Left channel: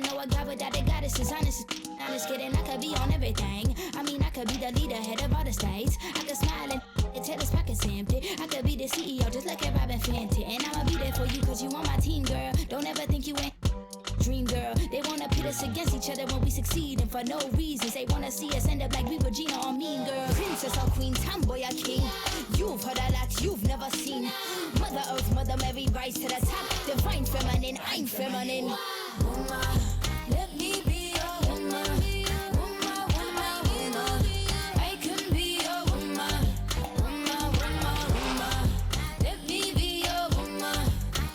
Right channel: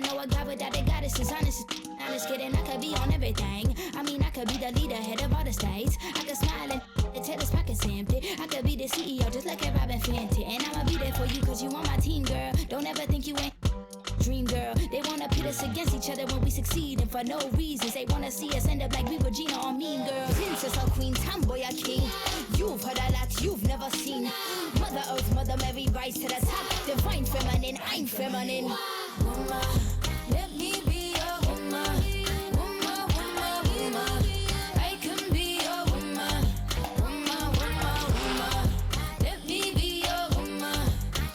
never know a guy without a goddess is honest. Not just kidding, I could be on everything. I mean, I could be the leader, head of all the states. I could smile and tell his pockets empty. I could be the CEO, just like a Robin Fenty. And I'ma be there for you, cause you on my team, girl. Don't ever think you ain't dream, girl. They wanna pit us against each other when we succeed, and for no reasons. They wanna see us end up like we were Gina or Mean Girl. Princess or queen, tomboy or king. You've heard a lot you've never seen. Mother Earth, Mother Mary, rise to the top. Divine feminine, I'm feminine. Woman, let me be a woman. Woman, woman, woman. I can be a woman. Woman, woman, woman. Let me be a woman.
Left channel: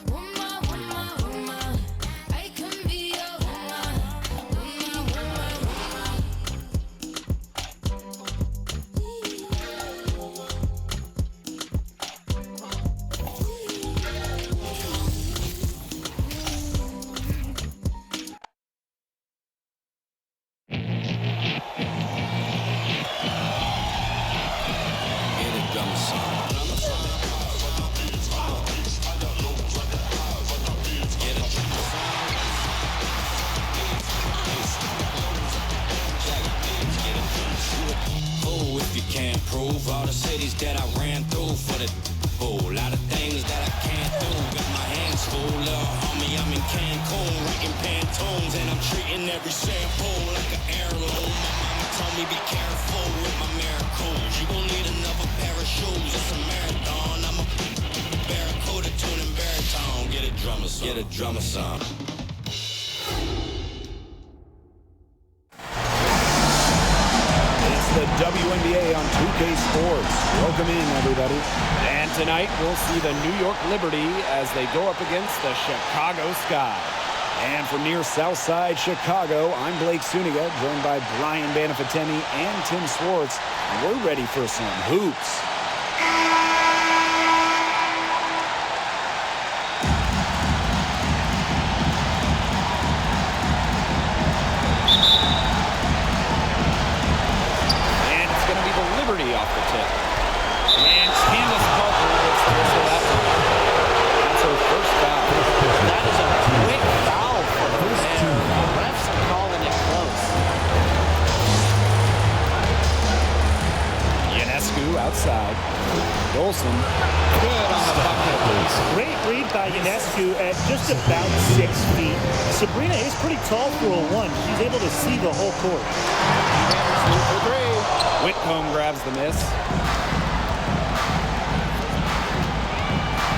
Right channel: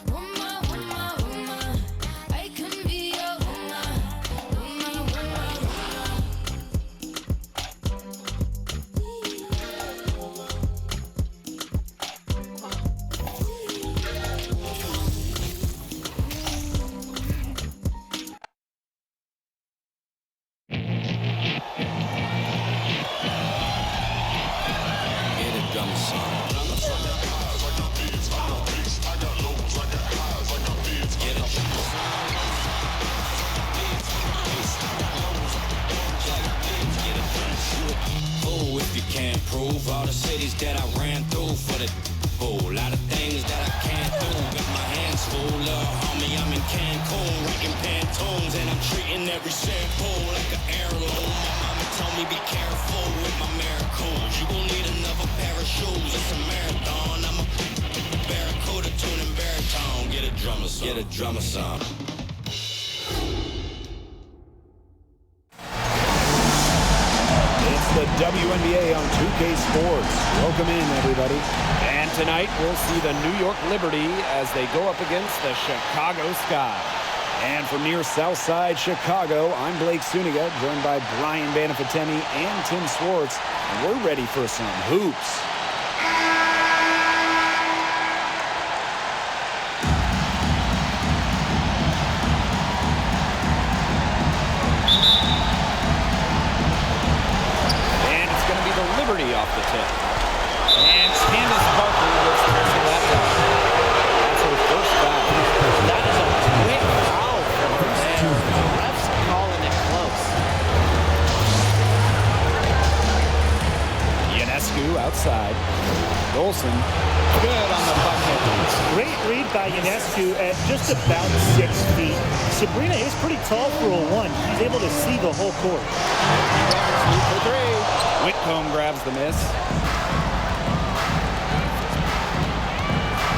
Woman, woman, woman. I can be a woman. Woman, woman, woman. Prove all the cities that I ran through for the whole lot of things that I can't do. Got my hands full, little homie, I'm in Cancun, writing Pantones, and I'm treating every shampoo like an heirloom. My mama told me be careful with my miracles. You gon' need another pair of shoes. It's a marathon. I'm a barracuda tuning baritone. Get a drummer song. Get a drummer song. The WNBA on 2K Sports. Welcome in, everybody. And tonight we'll see the New York Liberty as they go up against the Chicago Sky. And from near Southside Chicago, I'm Blake Suniga, joined by Brian Banafiteni and Tim Swartz. And we're ready for some hoops. Going to be the Liberty off the tip. And Candace Parker gets the whistle that time. That's her first foul. That is a quick foul for her there. The refs are calling it close. Ionescu outside. Dolson, good on the bucket. Great read by Ionescu at just about 6 feet. Sabrina is pretty tall for a 1. She's able to see the whole court. Vandersloot for 3. Whitcomb grabs the miss.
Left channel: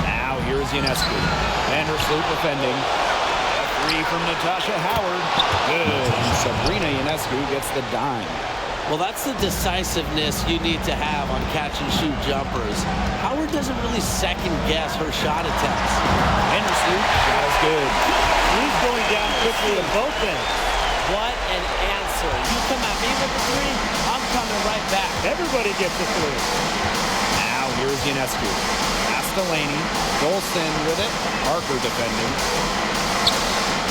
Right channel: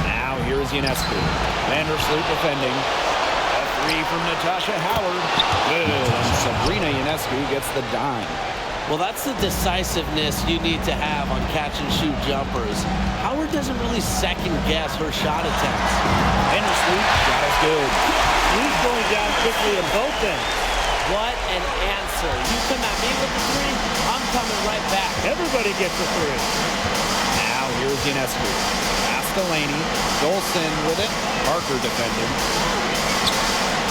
Now here's Ionescu. Vandersloot defending. A 3 from Natasha Howard. Good. And Sabrina Ionescu gets the dime. Well, that's the decisiveness you need to have on catch-and-shoot jumpers. Howard doesn't really second-guess her shot attempts. Vandersloot shot is good. He's going down quickly at both ends. What an answer. You come at me with the 3, I'm coming right back. Everybody gets a 3. Now here's Ionescu. Pass to Laney. Dolson with it. Parker defending.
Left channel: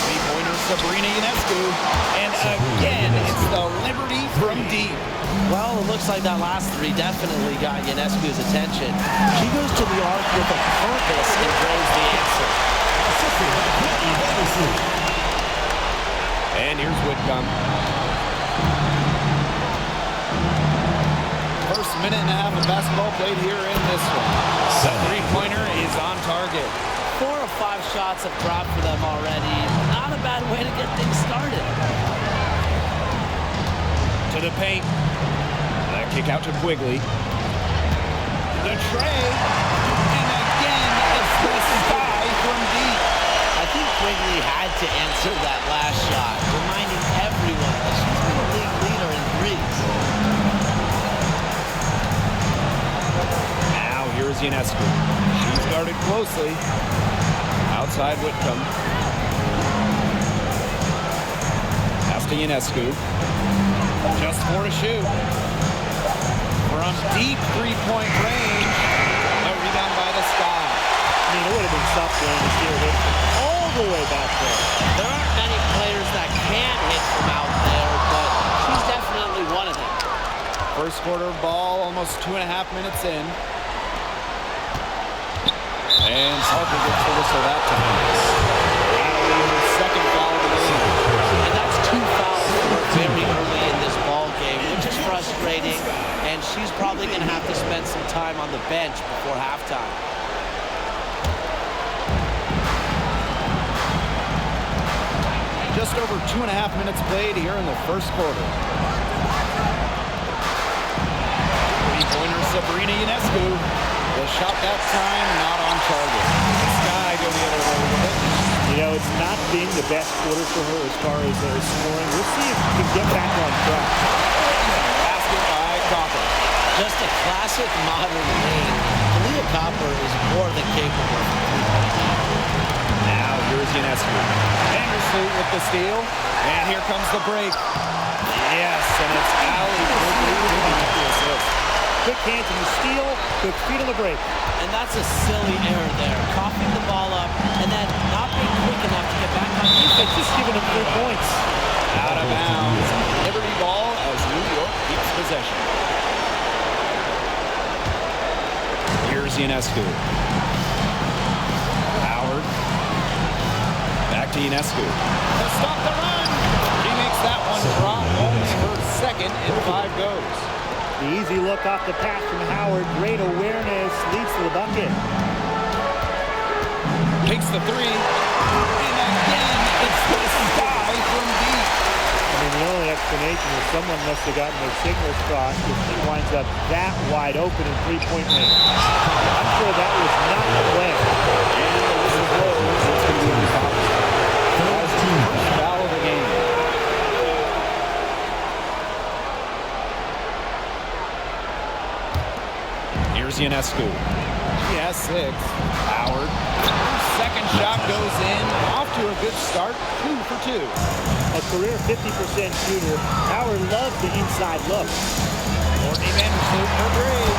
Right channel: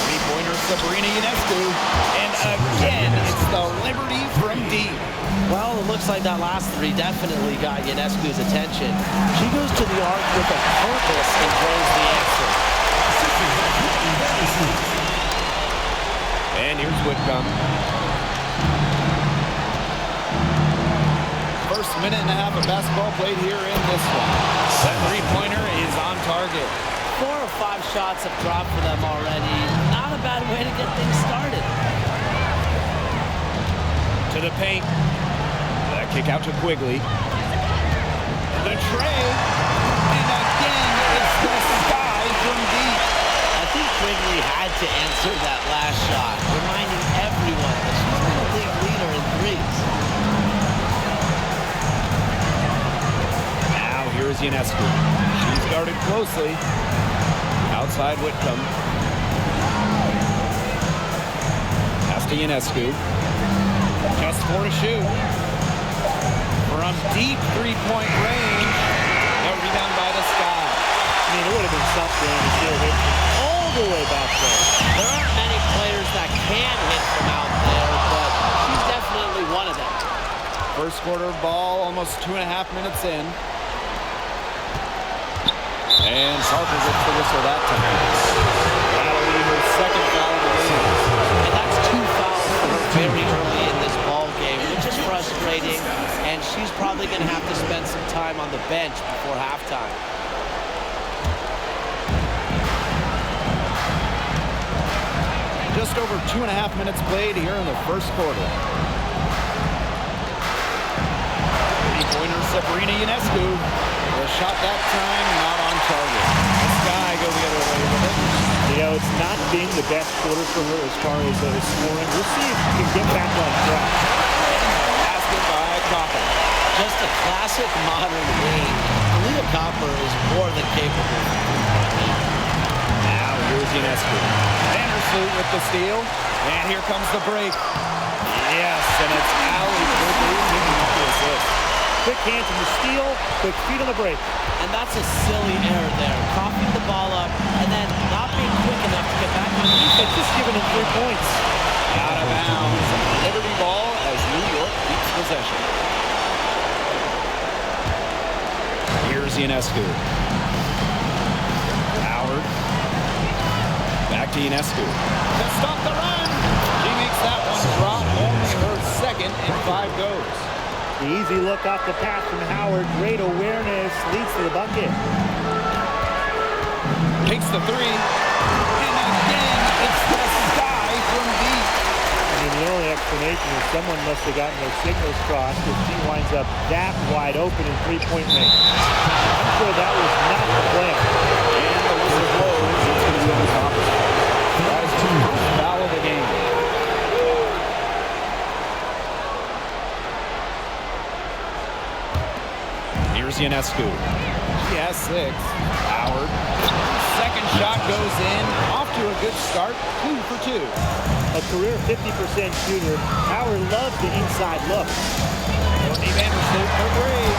Three-pointer Sabrina Ionescu. And again, it's the Liberty from deep. Well, it looks like that last 3 definitely got Ionescu's attention. She goes to the arc with a purpose and drains the answer. And here's Whitcomb. First minute and a half of basketball played here in this one. That three-pointer is on target. 4 or 5 shots have dropped for them already. Not a bad way to get things started. To the paint. That kick out to Quigley. The tray. And again, it's the Sky from deep. I think Quigley had to answer that last shot, reminding everyone that she's been a league leader in threes. Now here's Ionescu. She's guarded closely. Outside Whitcomb. Pass to Ionescu. Just 4 to shoot. From deep three-point range. A rebound by the Sky. I mean, it would have been something to see her hit all the way back there. There aren't many players that can hit from out there, but she's definitely one of them. First quarter of ball, almost 2.5 minutes in. And Parker gets the whistle that time. That'll be her second foul of the game. frustrating, and she's probably going to have to spend some time on the bench before halftime. Just over 2.5 minutes played here in the first quarter. Three-pointer Sabrina Ionescu. The shot that time not on target. The Sky go the other way with it. You know, it's not been the best quarter for her as far as scoring. We'll see if she can get back on track. Basket by Copper. Just a classic modern wing. Kahleah Copper is more than capable of a three-point lead. Now here's Ionescu. Vandersloot with the steal. And here comes the break. Yes, and it's Allie Quigley picking up the assist. Quick hands in the steal, quick feet on the break. And that's a silly error there. Coughing the ball up and then not being quick enough to get back on defense. Just giving him 3 points. Out of bounds. Liberty ball as New York keeps possession. Here's Ionescu. Howard. Back to Ionescu. To stop the run. She makes that one drop. Only her second in 5 goes. The easy look off the pass from Howard. Great awareness. Leads to the bucket. Takes the three. And again, it's the Sky from deep. I mean, the only explanation is someone must have gotten their signals crossed if she winds up that wide open in three-point range. I'm sure that was not the plan. And the whistle blows. It's going to be on top. That is the first foul of the game. Here's Ionescu. She has 6. Howard. Second shot goes in. Off to a good start. 2 for 2. A career 50% shooter. Howard loves the inside look. Courtney Vandersloot for 3.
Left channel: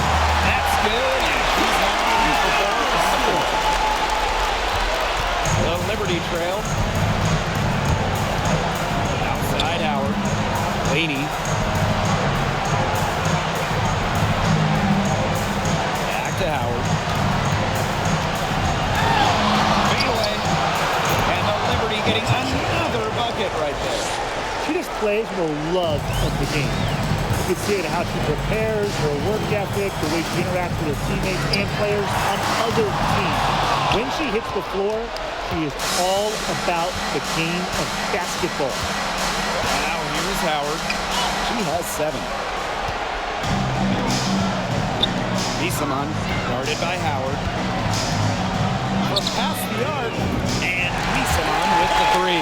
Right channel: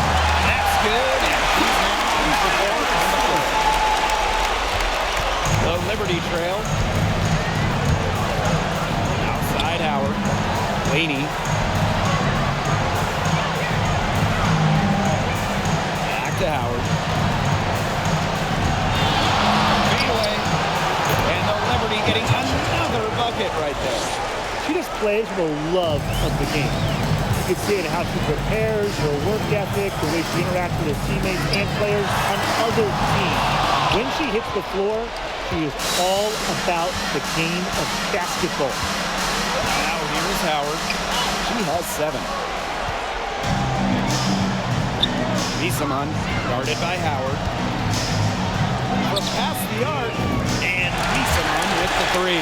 That's good. And she's now 3 for 4 from the floor. The Liberty trail. Outside Howard. Laney. To Howard. Fade away. And the Liberty getting another bucket right there. She just plays with a love of the game. You can see it in how she prepares, her work ethic, the way she interacts with her teammates and players on other teams. When she hits the floor, she is all about the game of basketball. Now here's Howard. She has 7. Misaman, guarded by Howard. From past the arc, and Misaman with the 3.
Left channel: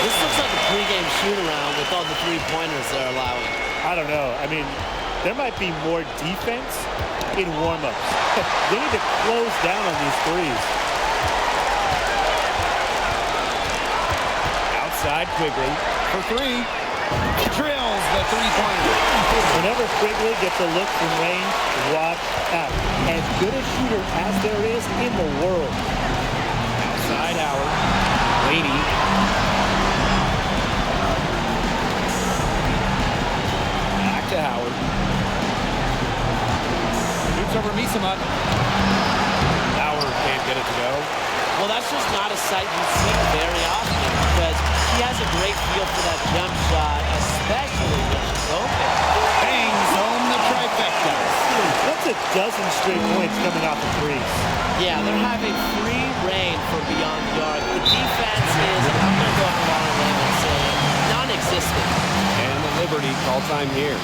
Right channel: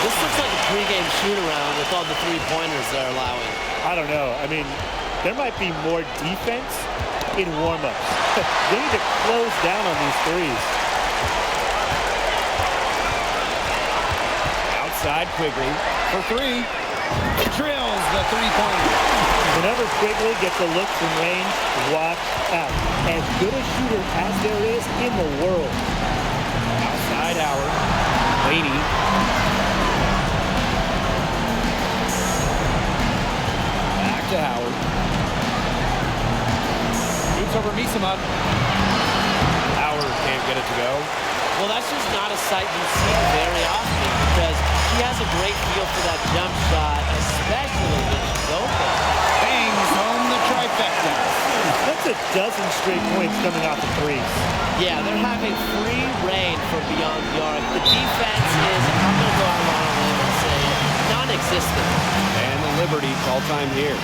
This looks like a pregame shoot-around with all the three-pointers they're allowing. I don't know. I mean, there might be more defense in warm-ups. They need to close down on these threes. Outside Quigley for 3. Drills the three-pointer. Whenever Quigley gets a look from range, watch out. As good a shooter as there is in the world. Outside Howard. Laney. Back to Howard. Shoots over Misaman. Howard can't get it to go. Well, that's just not a sight you see very often because she has a great feel for that jump shot, especially when she's open. Bangs home the trifecta. That's a dozen straight points coming off the threes. Yeah, they're having free reign from beyond the arc. The defense is, I'm going to go out on a limb and say it, non-existent. And the Liberty call time here.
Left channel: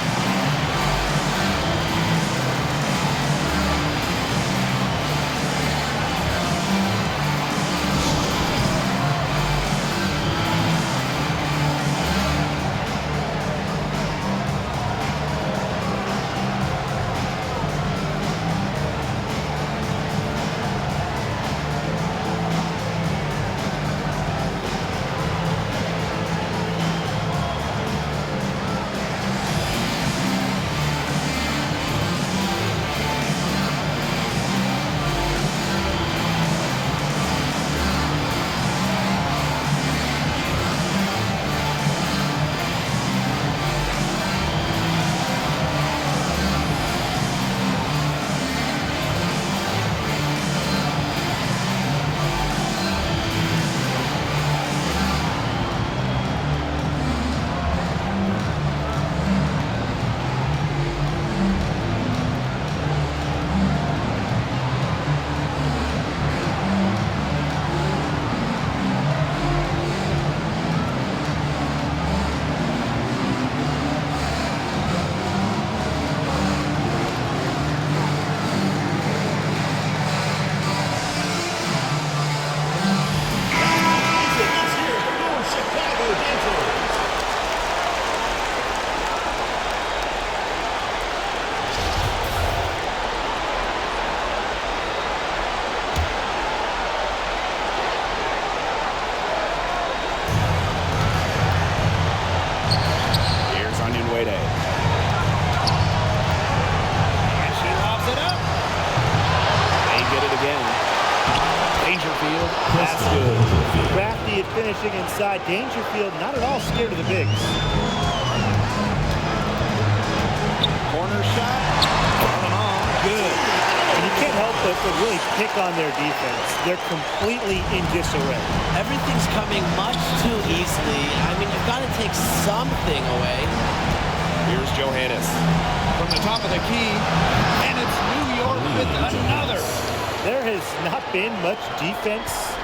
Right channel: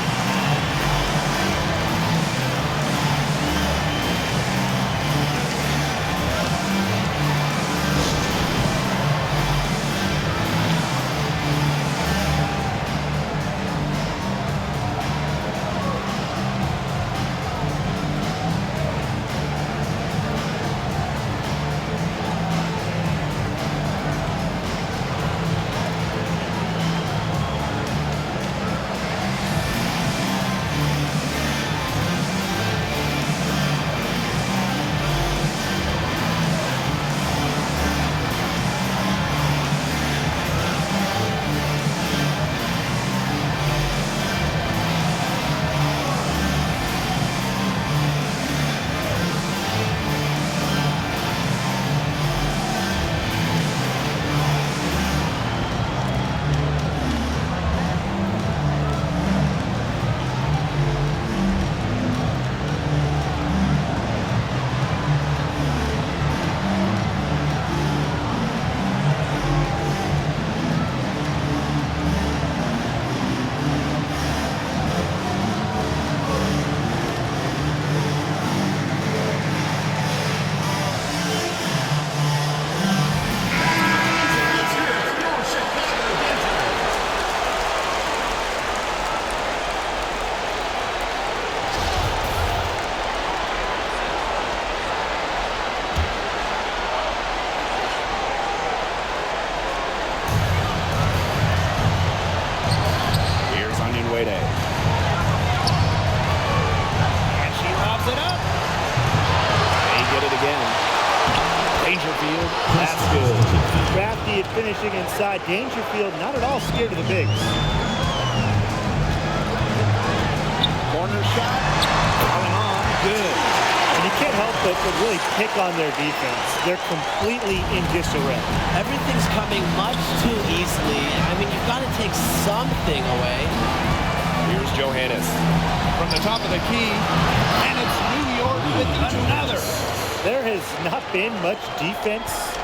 Onion Wade. And she lobs it up. They get it again. Dangerfield. That's good. Crafty at finishing inside. Dangerfield not at all scared of the bigs. Corner shot. Alemán, good. And you can't help but really pick on their defense. They're completely in disarray. Everything's coming much too easily. I mean, you've got to take something away. Here's Johannes from the top of the key, and it's New York with another. There has not been much defense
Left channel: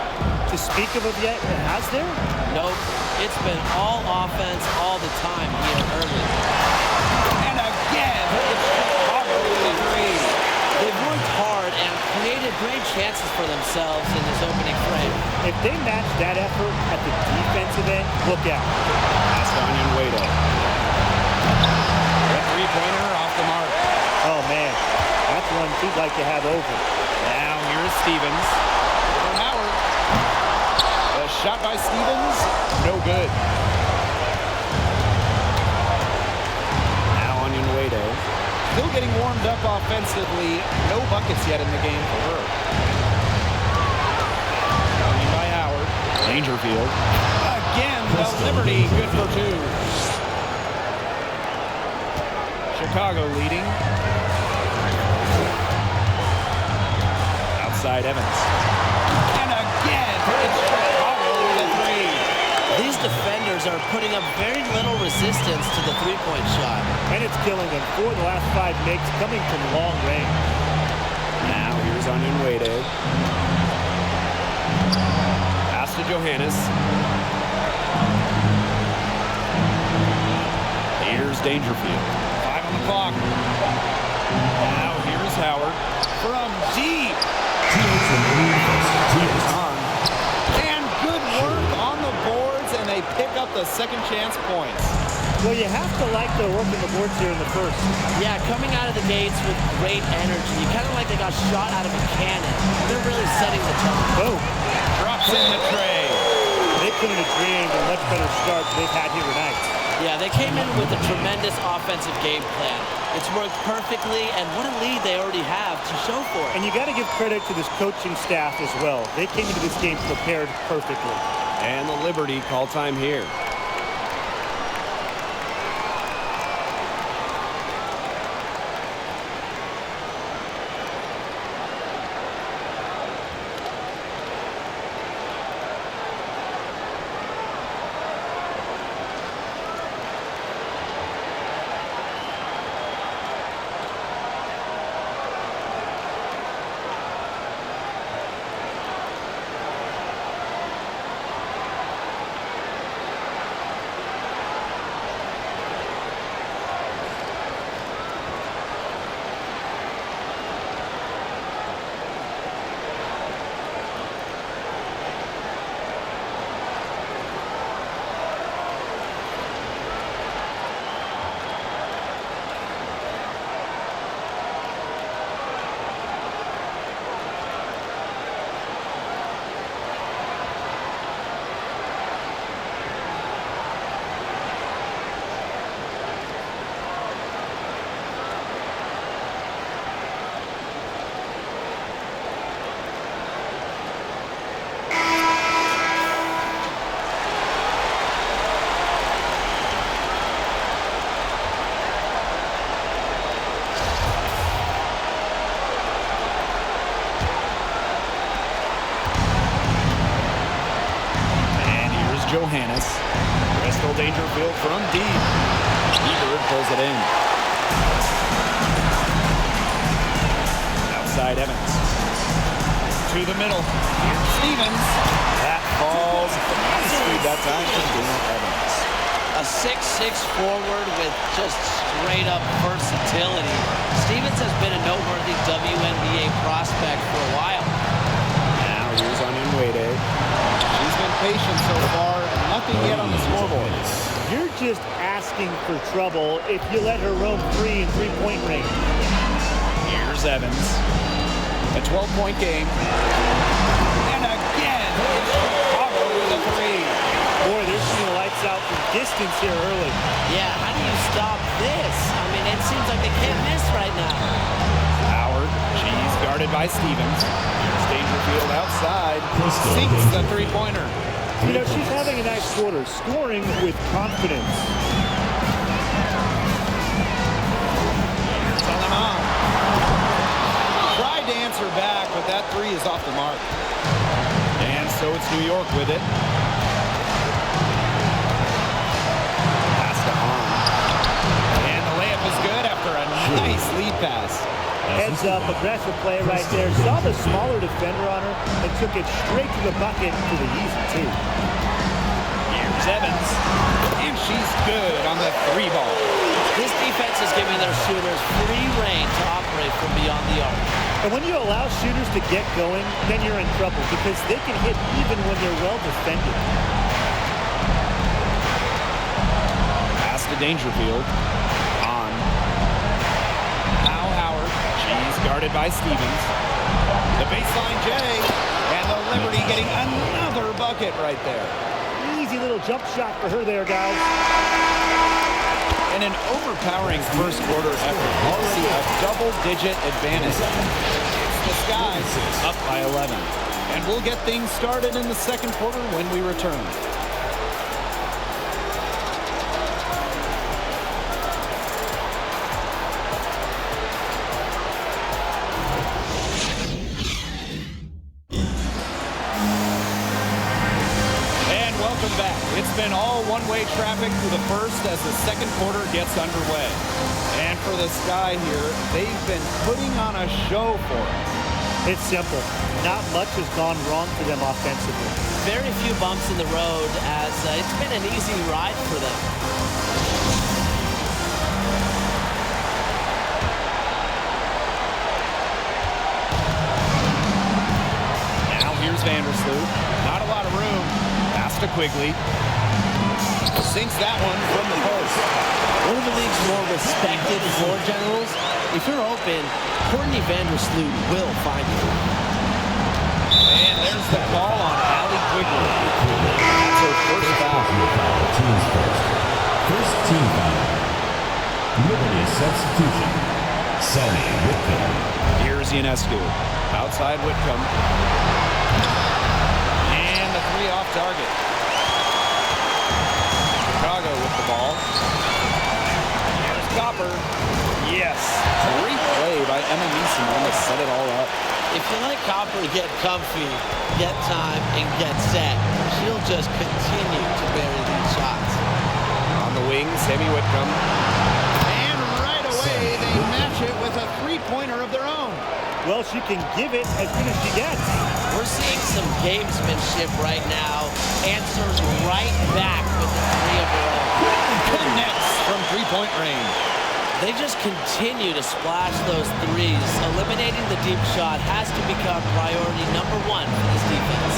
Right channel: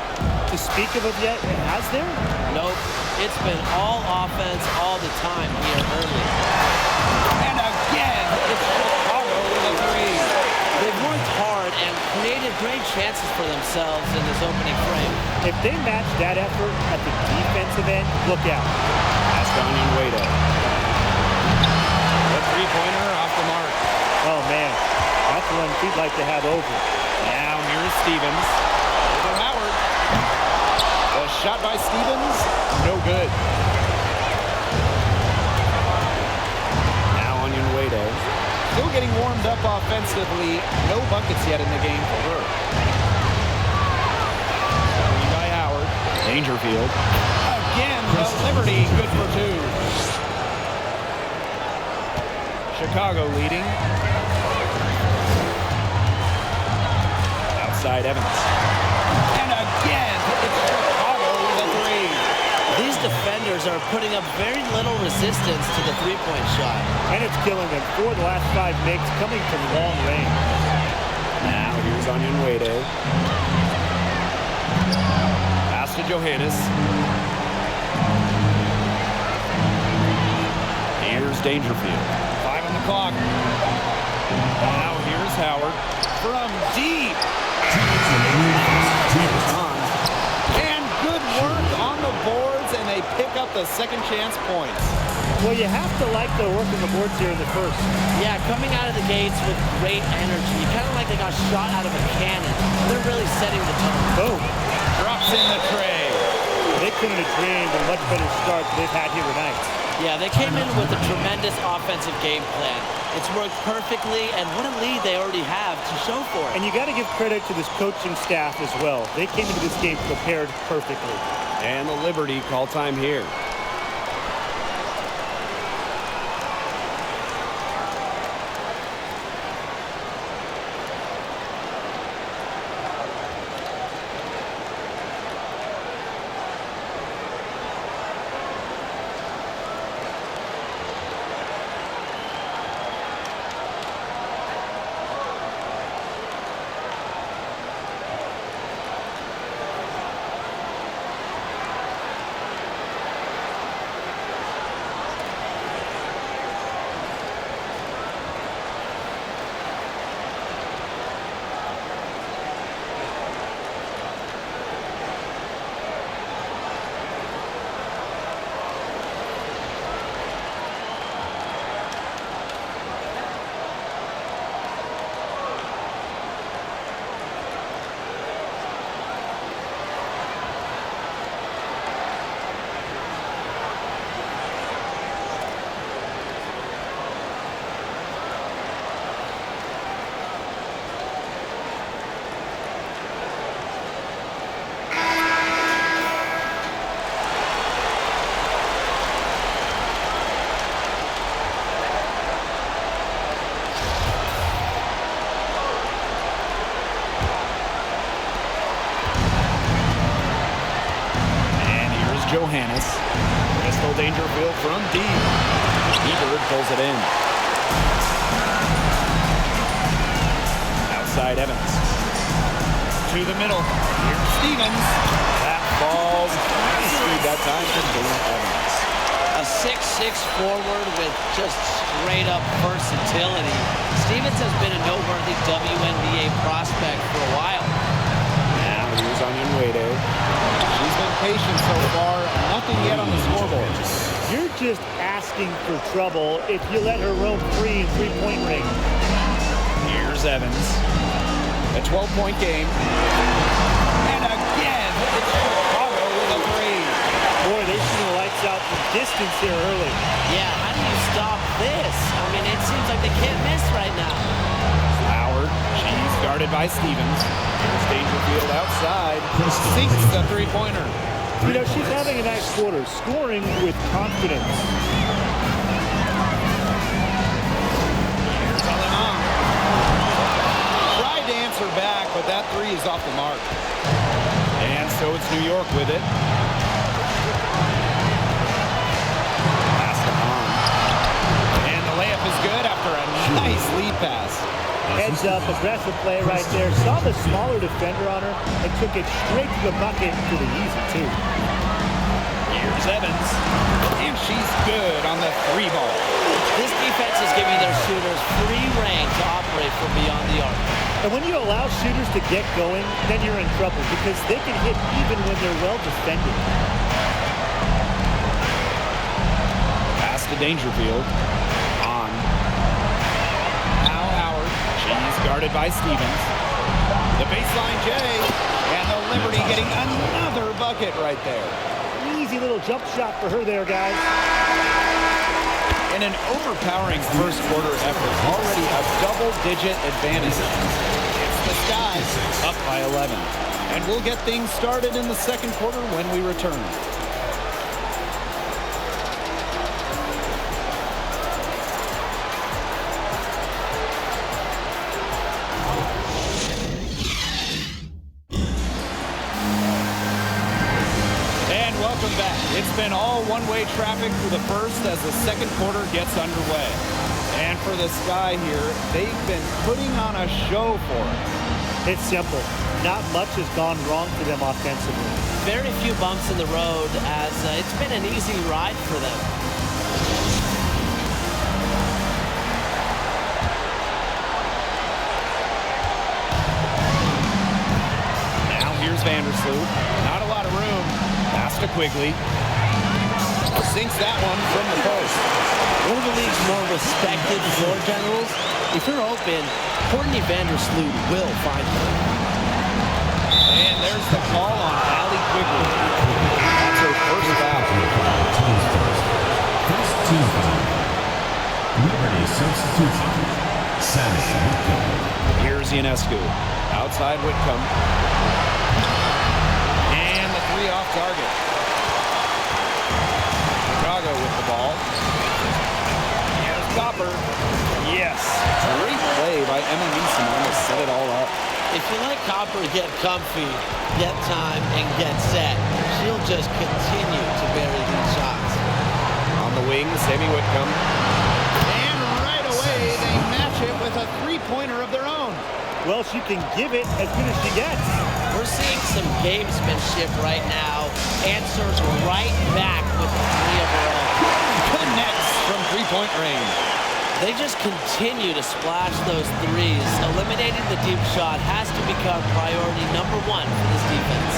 to speak of yet, has there? Nope. It's been all offense all the time here early. And again, it's Chicago with a three. They've worked hard and created great chances for themselves in this opening frame. If they match that effort at the defensive end, look out. That's Onion Wade. The three-pointer off the mark. Oh, man. That's one she'd like to have over. Now here is Stevens. Over Howard. The shot by Stevens, no good. Now Onion Wade. Still getting warmed up offensively. No buckets yet in the game for her. Screen by Howard. Dangerfield. Again, the Liberty, good for two. Chicago leading. Outside Evans. And again, it's Chicago with a three. These defenders are putting up very little resistance to the three-point shot. And it's killing them. 4 of the last 5 makes coming from long range. Now here's Onion Wade. Pass to Johannes. Here's Dangerfield. 5 on the clock. Now here's Howard from deep. Here's on. And good work on the boards, and they pick up the second chance points. Well, you have to like their work on the boards here in the first. Yeah, coming out of the gates with great energy. Kind of like they got shot out of a cannon. They're really setting the tone. Boom. Drops in the tray. They couldn't have dreamed a much better start than they've had here tonight. Yeah, they came in with a tremendous offensive game plan. It's worked perfectly, and what a lead they already have to show for it. And you got to give credit to this coaching staff as well. They came into this game prepared perfectly. And the Liberty call time here. Johannes. Crystal Dangerfield from deep. Ebert pulls it in. Outside Evans. To the middle. Here's Stevens. That falls. Nice speed that time for Dana Evans. A 6'6" forward with just straight-up versatility. Stevens has been a noteworthy WNBA prospect for a while. Now here's Onion Wade. She's been patient so far, nothing yet on the scoreboard. You're just asking for trouble if you let her roam free in three-point range. Here's Evans. A 12-point game. And again, it's Chicago with a three. Boy, they're seeing a light lights out from distance here early. Yeah, how do you stop this? I mean, it seems like they can't miss right now. Howard, she's guarded by Stevens. Here's Dangerfield outside. Sinks the three-pointer. You know, she's having a nice quarter, scoring with confidence. Here's Alema. Tried to answer back, but that three is off the mark. And so it's New York with it. Pass to Hahn. And the layup is good after a nice lead pass. Heads up, aggressive play right there. Saw the smaller defender on her and took it straight to the bucket for the easy two. Here's Evans. And she's good on the three ball. This defense is giving their shooters free reign to operate from beyond the arc. And when you allow shooters to get going, then you're in trouble because they can hit even when they're well defended. Pass to Dangerfield. On. Now Howard. She's guarded by Stevens. The baseline J. And the Liberty getting another bucket right there. Easy little jump shot for her there, guys. In an overpowering first quarter effort. Already a double-digit advantage. It's the Skies up by 11. And we'll get things started in the second quarter when we return. Welcome back. It's been all one-way traffic through the first as the second quarter gets underway. And for the Sky here, they've been putting on a show for us. It's simple. Not much has gone wrong for them offensively. Very few bumps in the road as it's been an easy ride for them. Now here's Vandersloot. Not a lot of room. Pass to Quigley. Sinks that one from the post. One of the league's more respected floor generals. If you're open, Courtney Vandersloot will find you. And there's the call on Allie Quigley. That's her first foul. First team foul. Liberty substitution. Sammy Whitcomb. Here's Ionescu. Outside Whitcomb. And the three off target. Chicago with the ball. Here's Copper. Yes. Great play by Emma Meeseman to set it all up. If you let Copper get comfy, get time, and get set, she'll just continue to bury these shots. On the wing, Sammy Whitcomb. And right away, they match it with a three-pointer of their own. Well, she can give it as good as she gets. We're seeing some gamesmanship right now. Answers right back with the three of her own. Connects from three-point range. They just continue to splash those threes. Eliminating the deep shot has to become priority number one for this defense.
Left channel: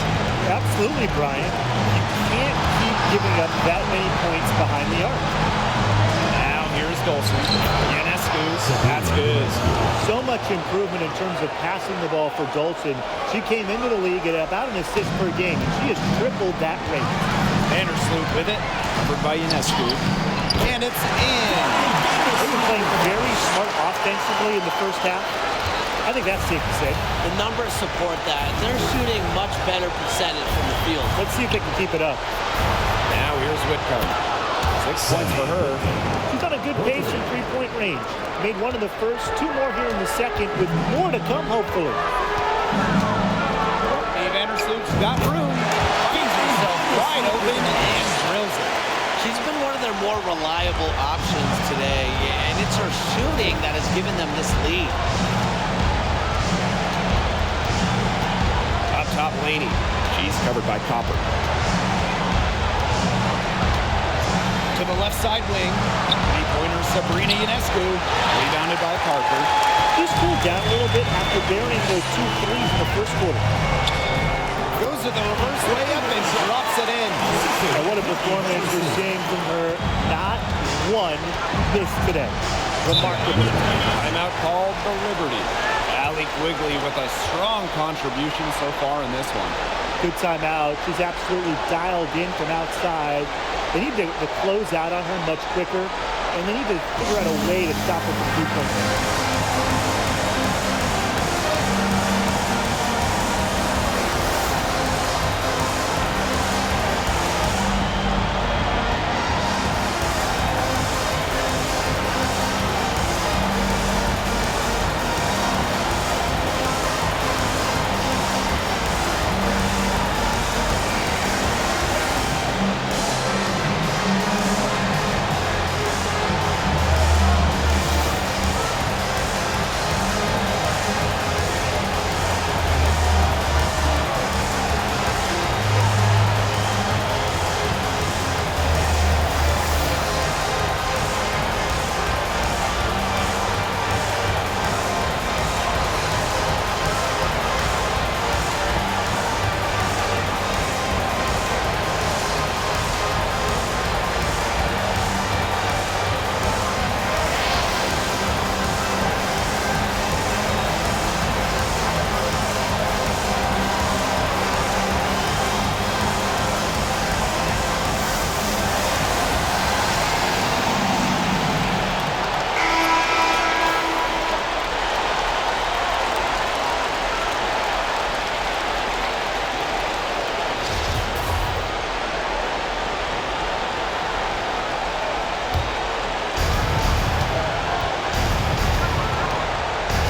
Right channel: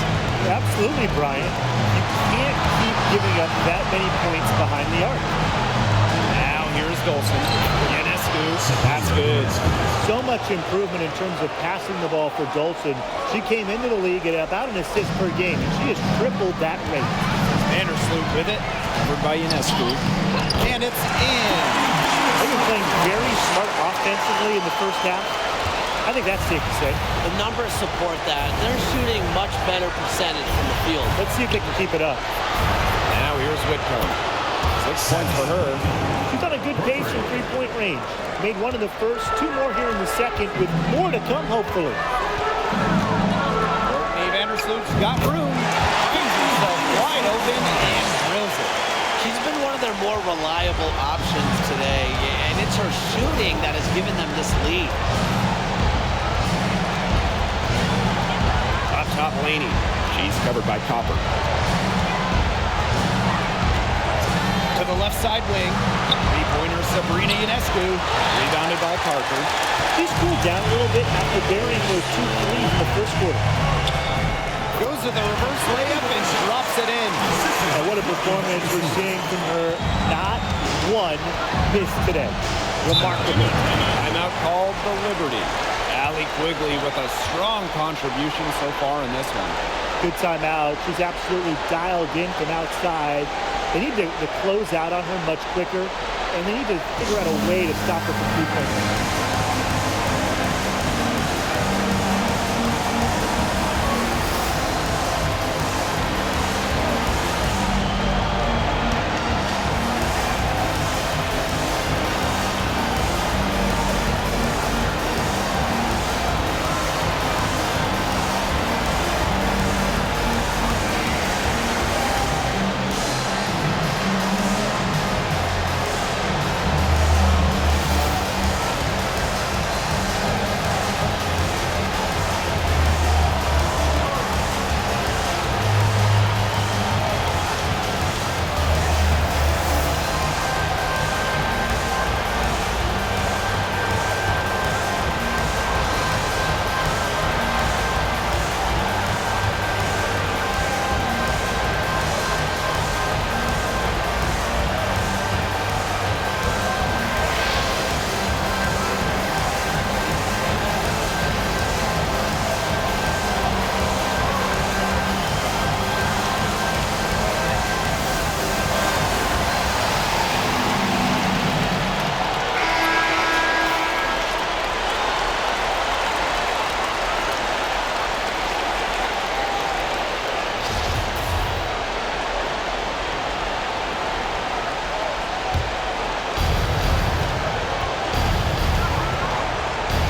Absolutely, Brian. You can't keep giving up that many points behind the arc. Now here's Dolson. Ionescu. That's good. So much improvement in terms of passing the ball for Dolson. She came into the league at about an assist per game, and she has tripled that rate. Vandersloot with it. Covered by Ionescu. And it's in. They've been playing very smart offensively in the first half. I think that's safe to say. The numbers support that. They're shooting much better percentage from the field. Let's see if they can keep it up. Now here's Whitcomb. 6 points for her. She's on a good pace in three-point range. Made one in the first, two more here in the second, with more to come, hopefully. Courtney Vandersloot's got room. Finds herself wide open and drills it. She's been one of their more reliable options today, and it's her shooting that has given them this lead. Up top, Laney. She's covered by Copper. To the left side wing. Three-pointer Sabrina Ionescu. Rebounded by Parker. She's cooled down a little bit after burying those 2 threes in the first quarter. Goes to the reverse layup and drops it in. And what a performance we're seeing from her. Not one miss today. Remarkable. Timeout called the Liberty. Allie Quigley with a strong contribution so far in this one. Good timeout. She's absolutely dialed in from outside. They need to close out on her much quicker, and they need to figure out a way to stop her from three-point range.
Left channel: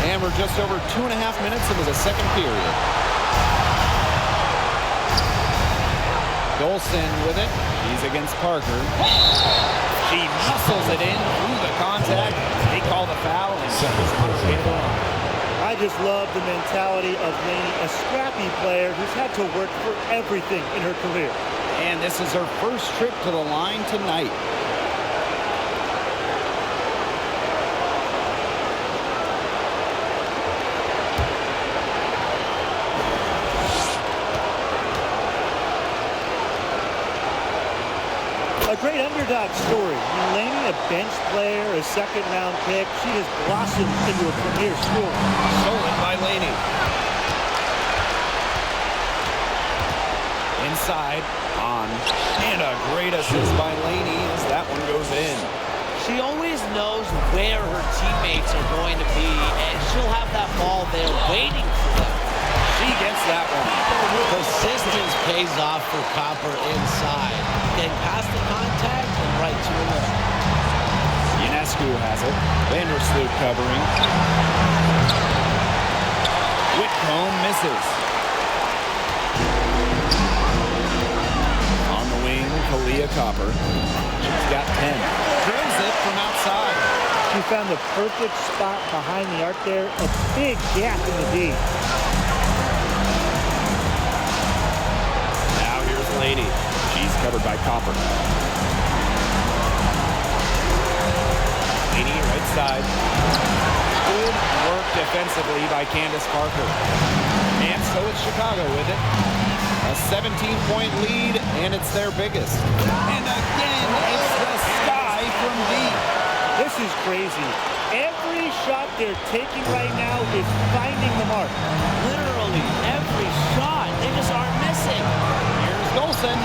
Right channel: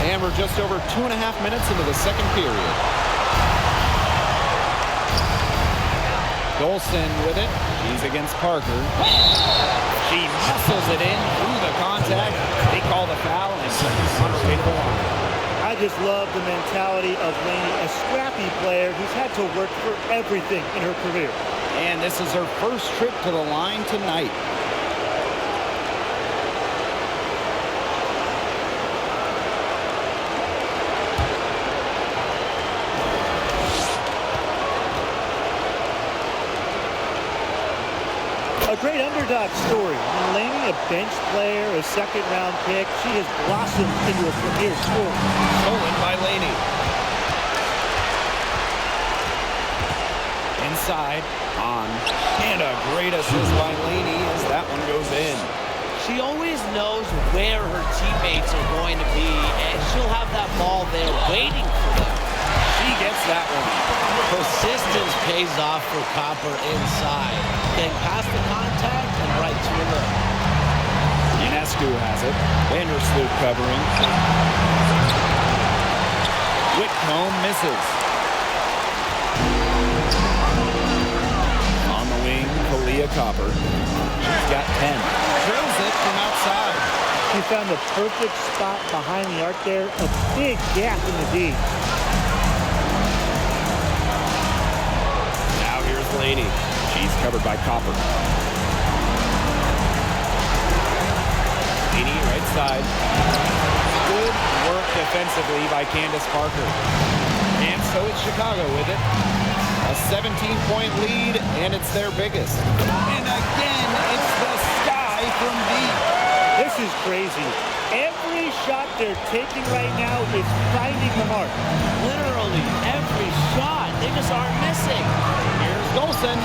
And we're just over 2.5 minutes into the second period. Golson with it. She's against Parker. She muscles it in through the contact. They call the foul, and she's on her way to the line. I just love the mentality of Laney, a scrappy player who's had to work for everything in her career. And this is her first trip to the line tonight. A great underdog story. I mean, Laney, a bench player, a second-round pick. She has blossomed into a premier scorer. Stolen by Laney. Inside, on, and a great assist by Laney as that one goes in. She always knows where her teammates are going to be, and she'll have that ball there waiting for them. She gets that one. Persistence pays off for Copper inside. Getting past the contact and right to a look. Ionescu has it. Vandersloot covering. Whitcomb misses. On the wing, Kahleah Copper. She's got 10. Drills it from outside. She found the perfect spot behind the arc there. A big gap in the D. Now here's Laney. She's covered by Copper. Laney, right side. Good work defensively by Candace Parker. And so it's Chicago with it. A 17-point lead, and it's their biggest. And again, it's the sky from deep. This is crazy. Every shot they're taking right now is finding the mark. Literally every shot. They just aren't missing. Here's Golson.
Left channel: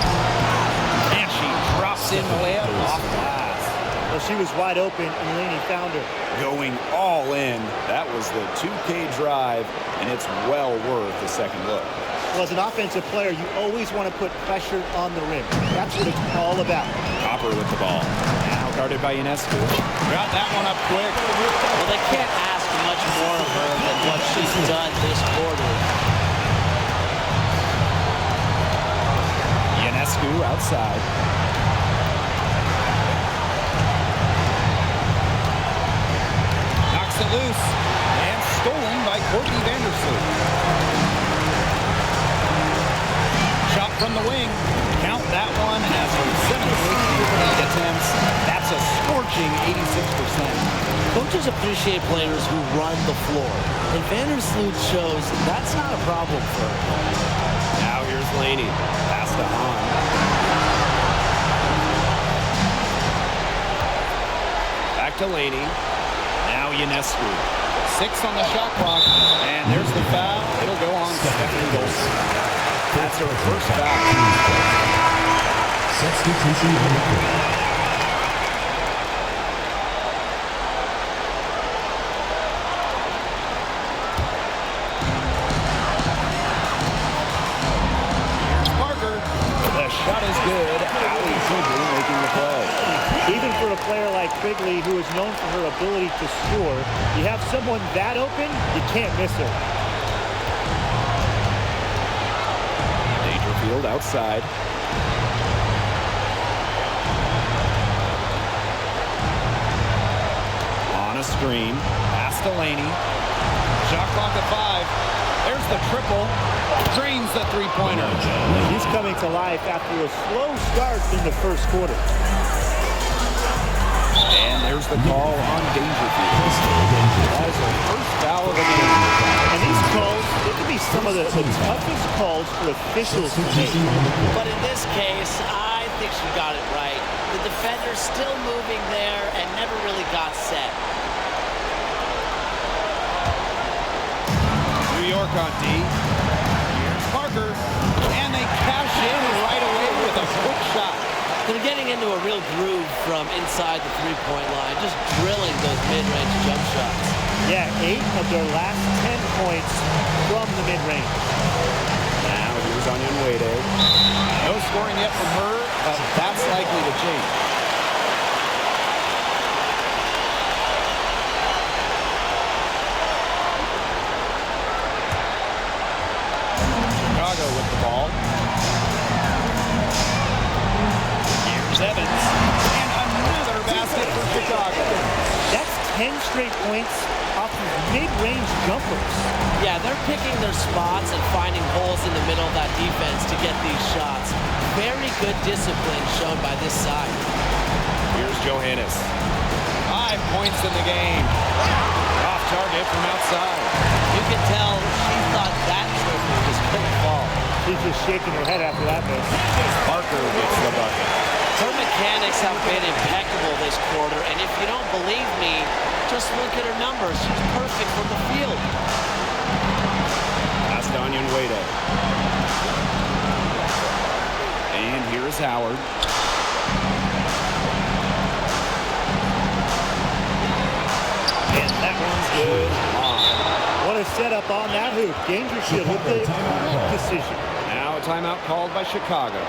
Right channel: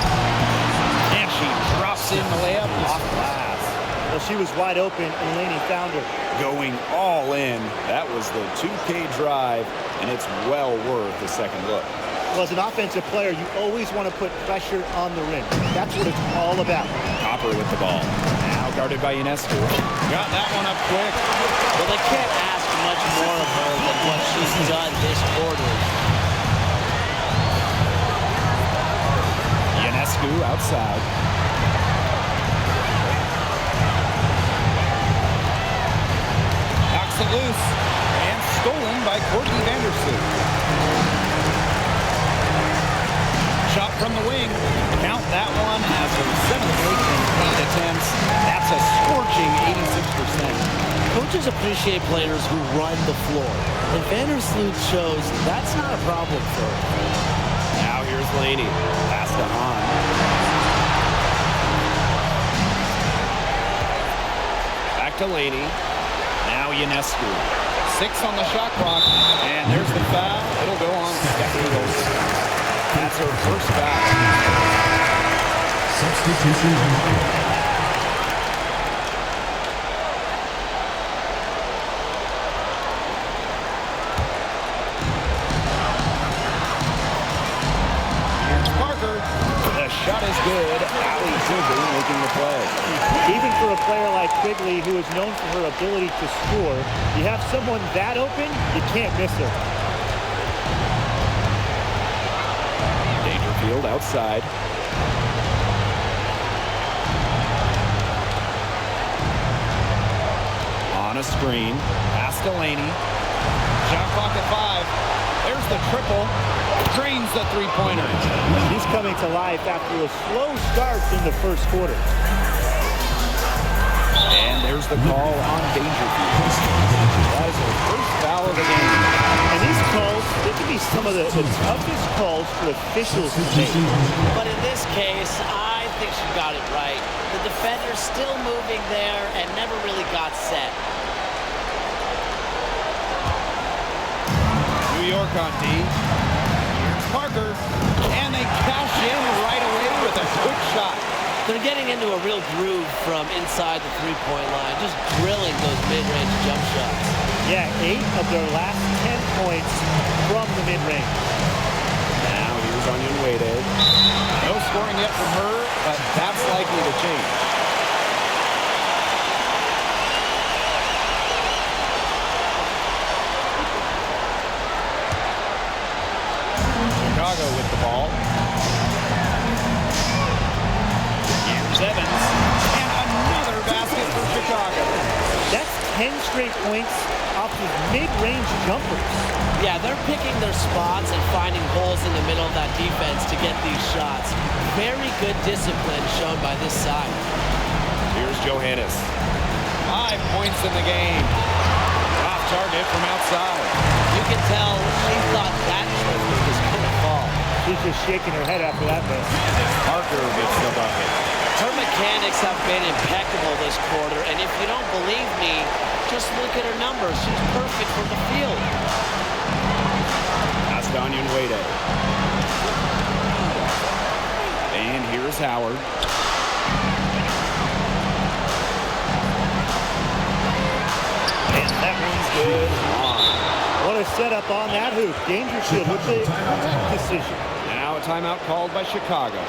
And she drops in the layup off glass. Well, she was wide open, and Laney found her. Going all in. That was the 2K drive, and it's well worth a second look. Well, as an offensive player, you always want to put pressure on the rim. That's what it's all about. Copper with the ball. Now guarded by Ionescu. Got that one up quick. Well, they can't ask much more of her than what she's done this quarter. Ionescu outside. Knocks it loose. And stolen by Courtney Vandersloot. Shot from the wing. Count that one as her 7th break in 8 attempts. That's a scorching 86%. Coaches appreciate players who run the floor. And Vandersloot shows that's not a problem for her. Now here's Laney. Pass to Hahn. Back to Laney. Now Ionescu. 6 on the shot clock. And there's the foul. It'll go on Stephanie Golson. That's her first foul. Substitution on the court. The shot is good. Allie Quigley making the play. Even for a player like Quigley, who is known for her ability to score, you have someone that open, you can't miss her. Dangerfield outside. On a screen. Pass to Laney. Shot clock at 5. There's the triple. Drains the three-pointer. She's coming to life after a slow start in the first quarter. And there's the call on Dangerfield. That is her first foul of the game. And these calls, they can be some of the toughest calls for officials to make. But in this case, I think she got it right. The defender's still moving there and never really got set. New York on D. Here's Parker. And they cash in right away with a quick shot. They're getting into a real groove from inside the three-point line, just drilling those mid-range jump shots. Yeah, 8 of their last 10 points from the mid-range. Now here's Onion Wade. No scoring yet from her, but that's likely to change. Chicago with the ball. Here's Evans. And another basket for Chicago. That's 10 straight points off of mid-range jumpers. Yeah, they're picking their spots and finding holes in the middle of that defense to get these shots. Very good discipline shown by this side. Here's Johannes. 5 points in the game. Off target from outside. You can tell she thought that triple was going to fall. She's just shaking her head after that miss. Parker gets the bucket. Her mechanics have been impeccable this quarter, and if you don't believe me, just look at her numbers. She's perfect from the field. Pass to Onion Wade. And here's Howard. And that one's good. What a setup on that hoop. Dangerfield with the correct decision. Now a timeout called by Chicago.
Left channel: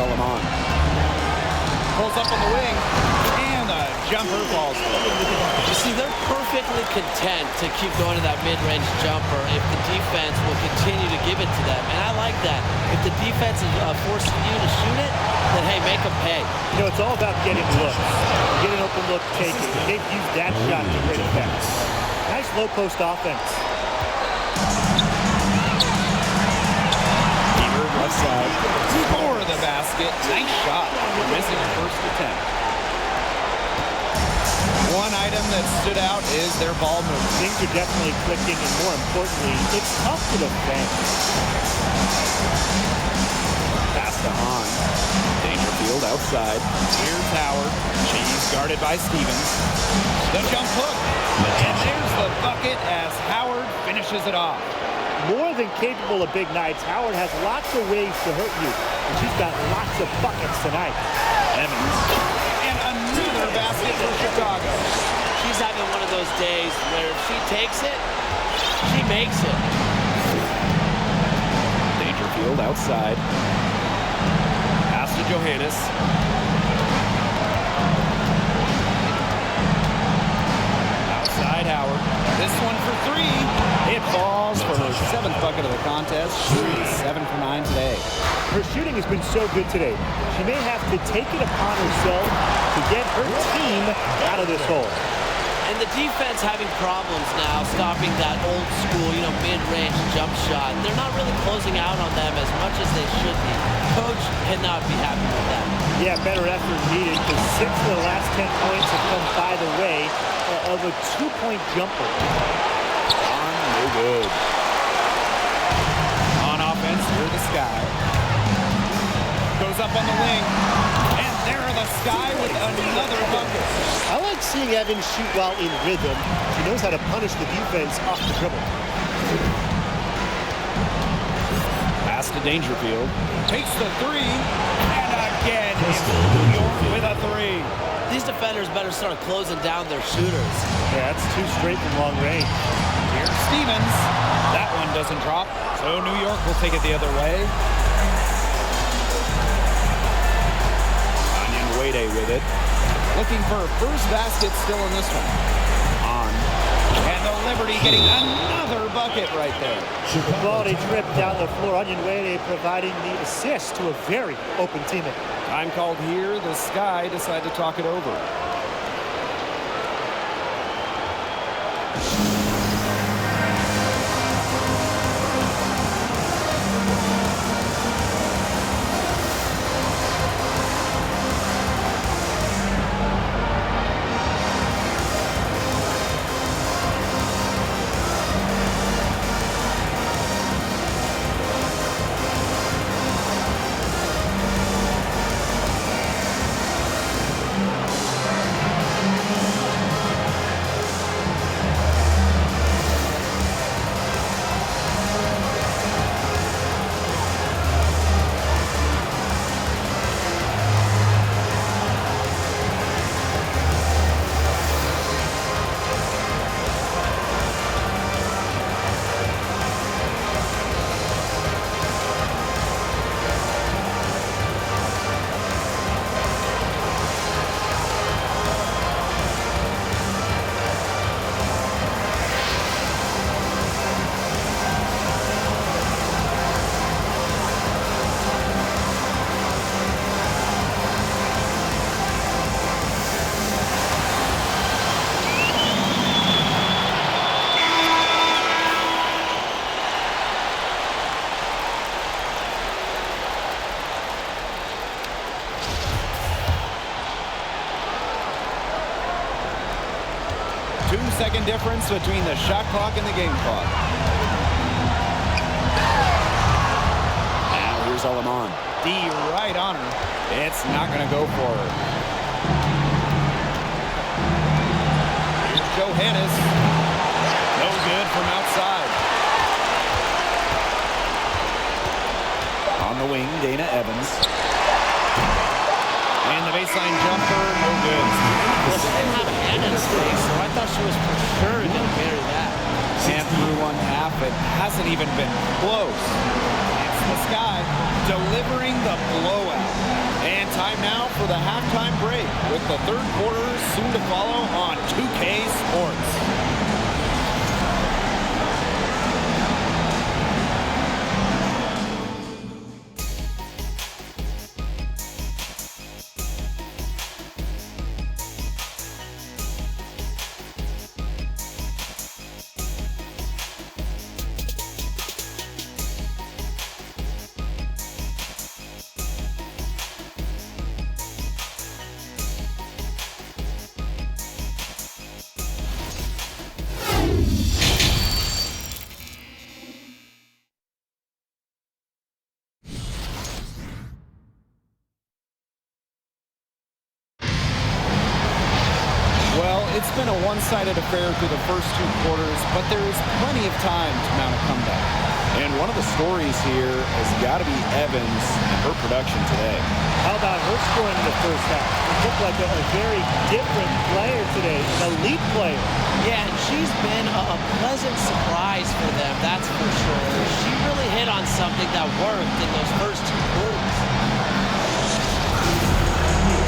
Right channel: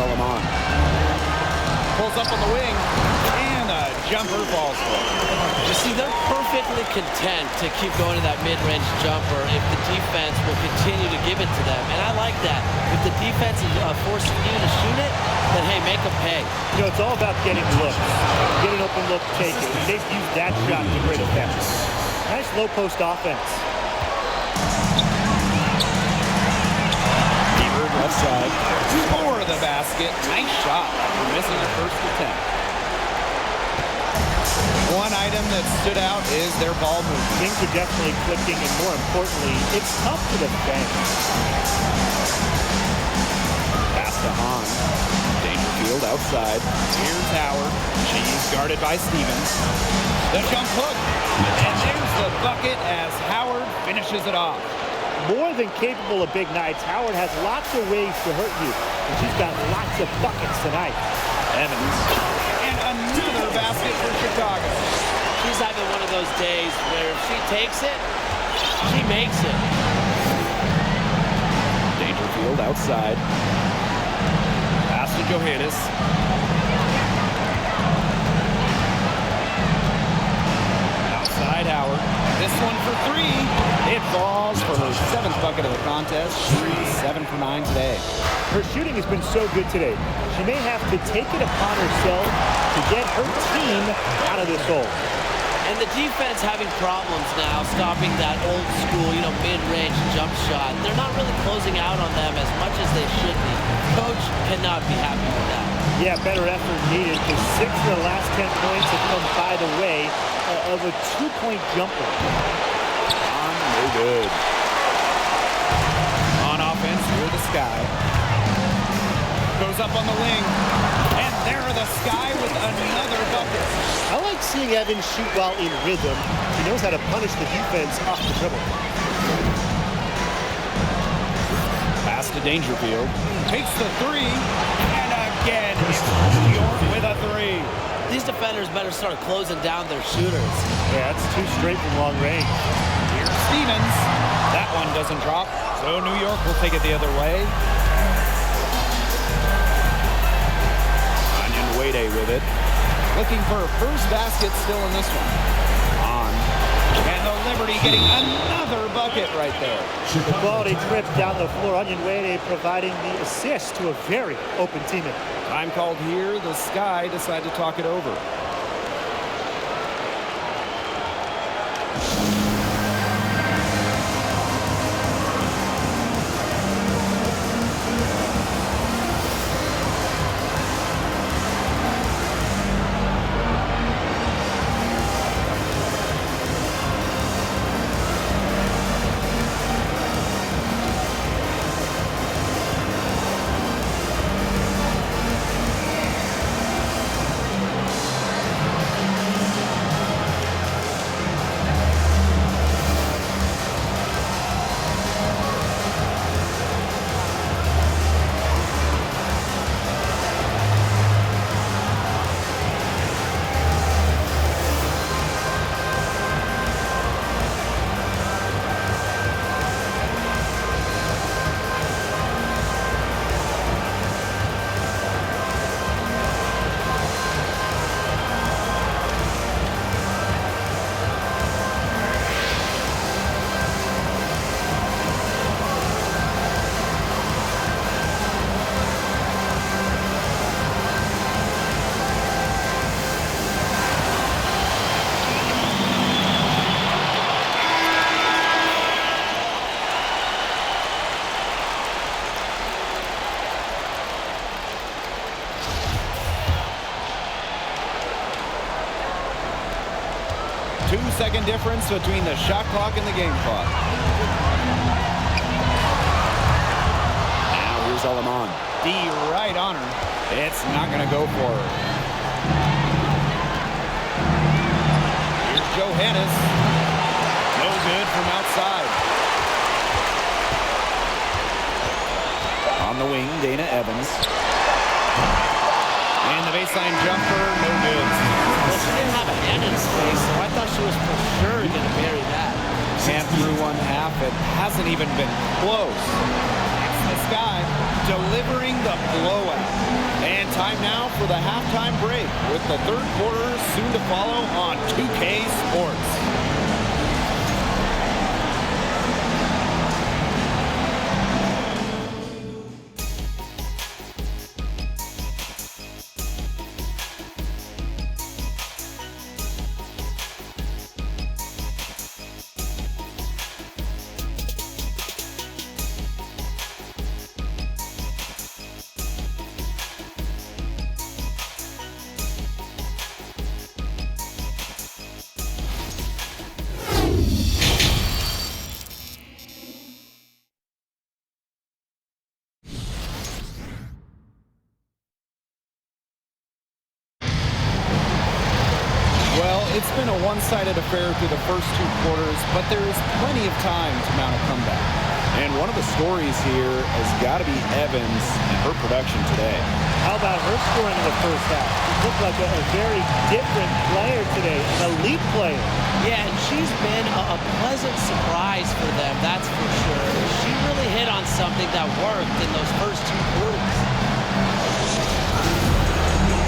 Solomon. Pulls up on the wing, and a jumper falls for him. You see, they're perfectly content to keep going to that mid-range jumper if the defense will continue to give it to them. And I like that. If the defense is forcing you to shoot it, then, hey, make them pay. You know, it's all about getting looks. Get an open look, take it. And they've used that shot to great effect. Nice low-post offense. Left side. For the basket. Nice shot after missing her first attempt. One item that stood out is their ball movement. Things are definitely clicking, and more importantly, it's tough to defend. Pass to Hahn. Dangerfield outside. Here's Howard. She's guarded by Stevens. The jump hook. And there's the bucket as Howard finishes it off. More than capable of big nights, Howard has lots of ways to hurt you, and she's got lots of buckets tonight. Evans. And another basket for Chicago. She's having one of those days where if she takes it, she makes it. Dangerfield outside. Pass to Johannes. Outside Howard. This one for three. It falls for her 7th bucket of the contest. She's 7 for 9 today. Her shooting has been so good today. She may have to take it upon herself to get her team out of this hole. And the defense having problems now stopping that old school, mid-range jump shot. They're not really closing out on them as much as they should be. Coach cannot be happy with that. Yeah, better effort needed because 6 of the last 10 points have come by the way of a 2-point jumper. No good. On offense, here the Sky. Goes up on the wing. And there are the Sky with another bucket. I like seeing Evans shoot while in rhythm. She knows how to punish the defense off the dribble. Pass to Dangerfield. Takes the three. And again, it's New York with a three. These defenders better start closing down their shooters. Yeah, that's 2 straight from long range. Here's Stevens. That one doesn't drop, so New York will take it the other way. Onion Wade with it. Looking for her first basket still in this one. On. And the Liberty getting another bucket right there. The quality trip down the floor. Onion Wade providing the assist to a very open teammate. Time called here. The Sky decide to talk it over. Two-second difference between the shot clock and the game clock. Now here's Alaman. D right on her. It's not going to go for her. Here's Johannes. No good from outside. On the wing, Dana Evans. And the baseline jumper, no good. Well, she didn't have a hand in her face, so I thought she was for sure going to bury that. And through one half, it hasn't even been close. It's the Sky delivering the blowout. And time now for the halftime break with the third quarter soon to follow on 2K Sports. it's been a one-sided affair through the first 2 quarters, but there is plenty of time to mount a comeback. And one of the stories here has got to be Evans and her production today. How about her scoring in the first half? She looked like a very different player today, an elite player. Yeah, and she's been a pleasant surprise for them, that's for sure. She really hit on something that worked in those first 2 quarters.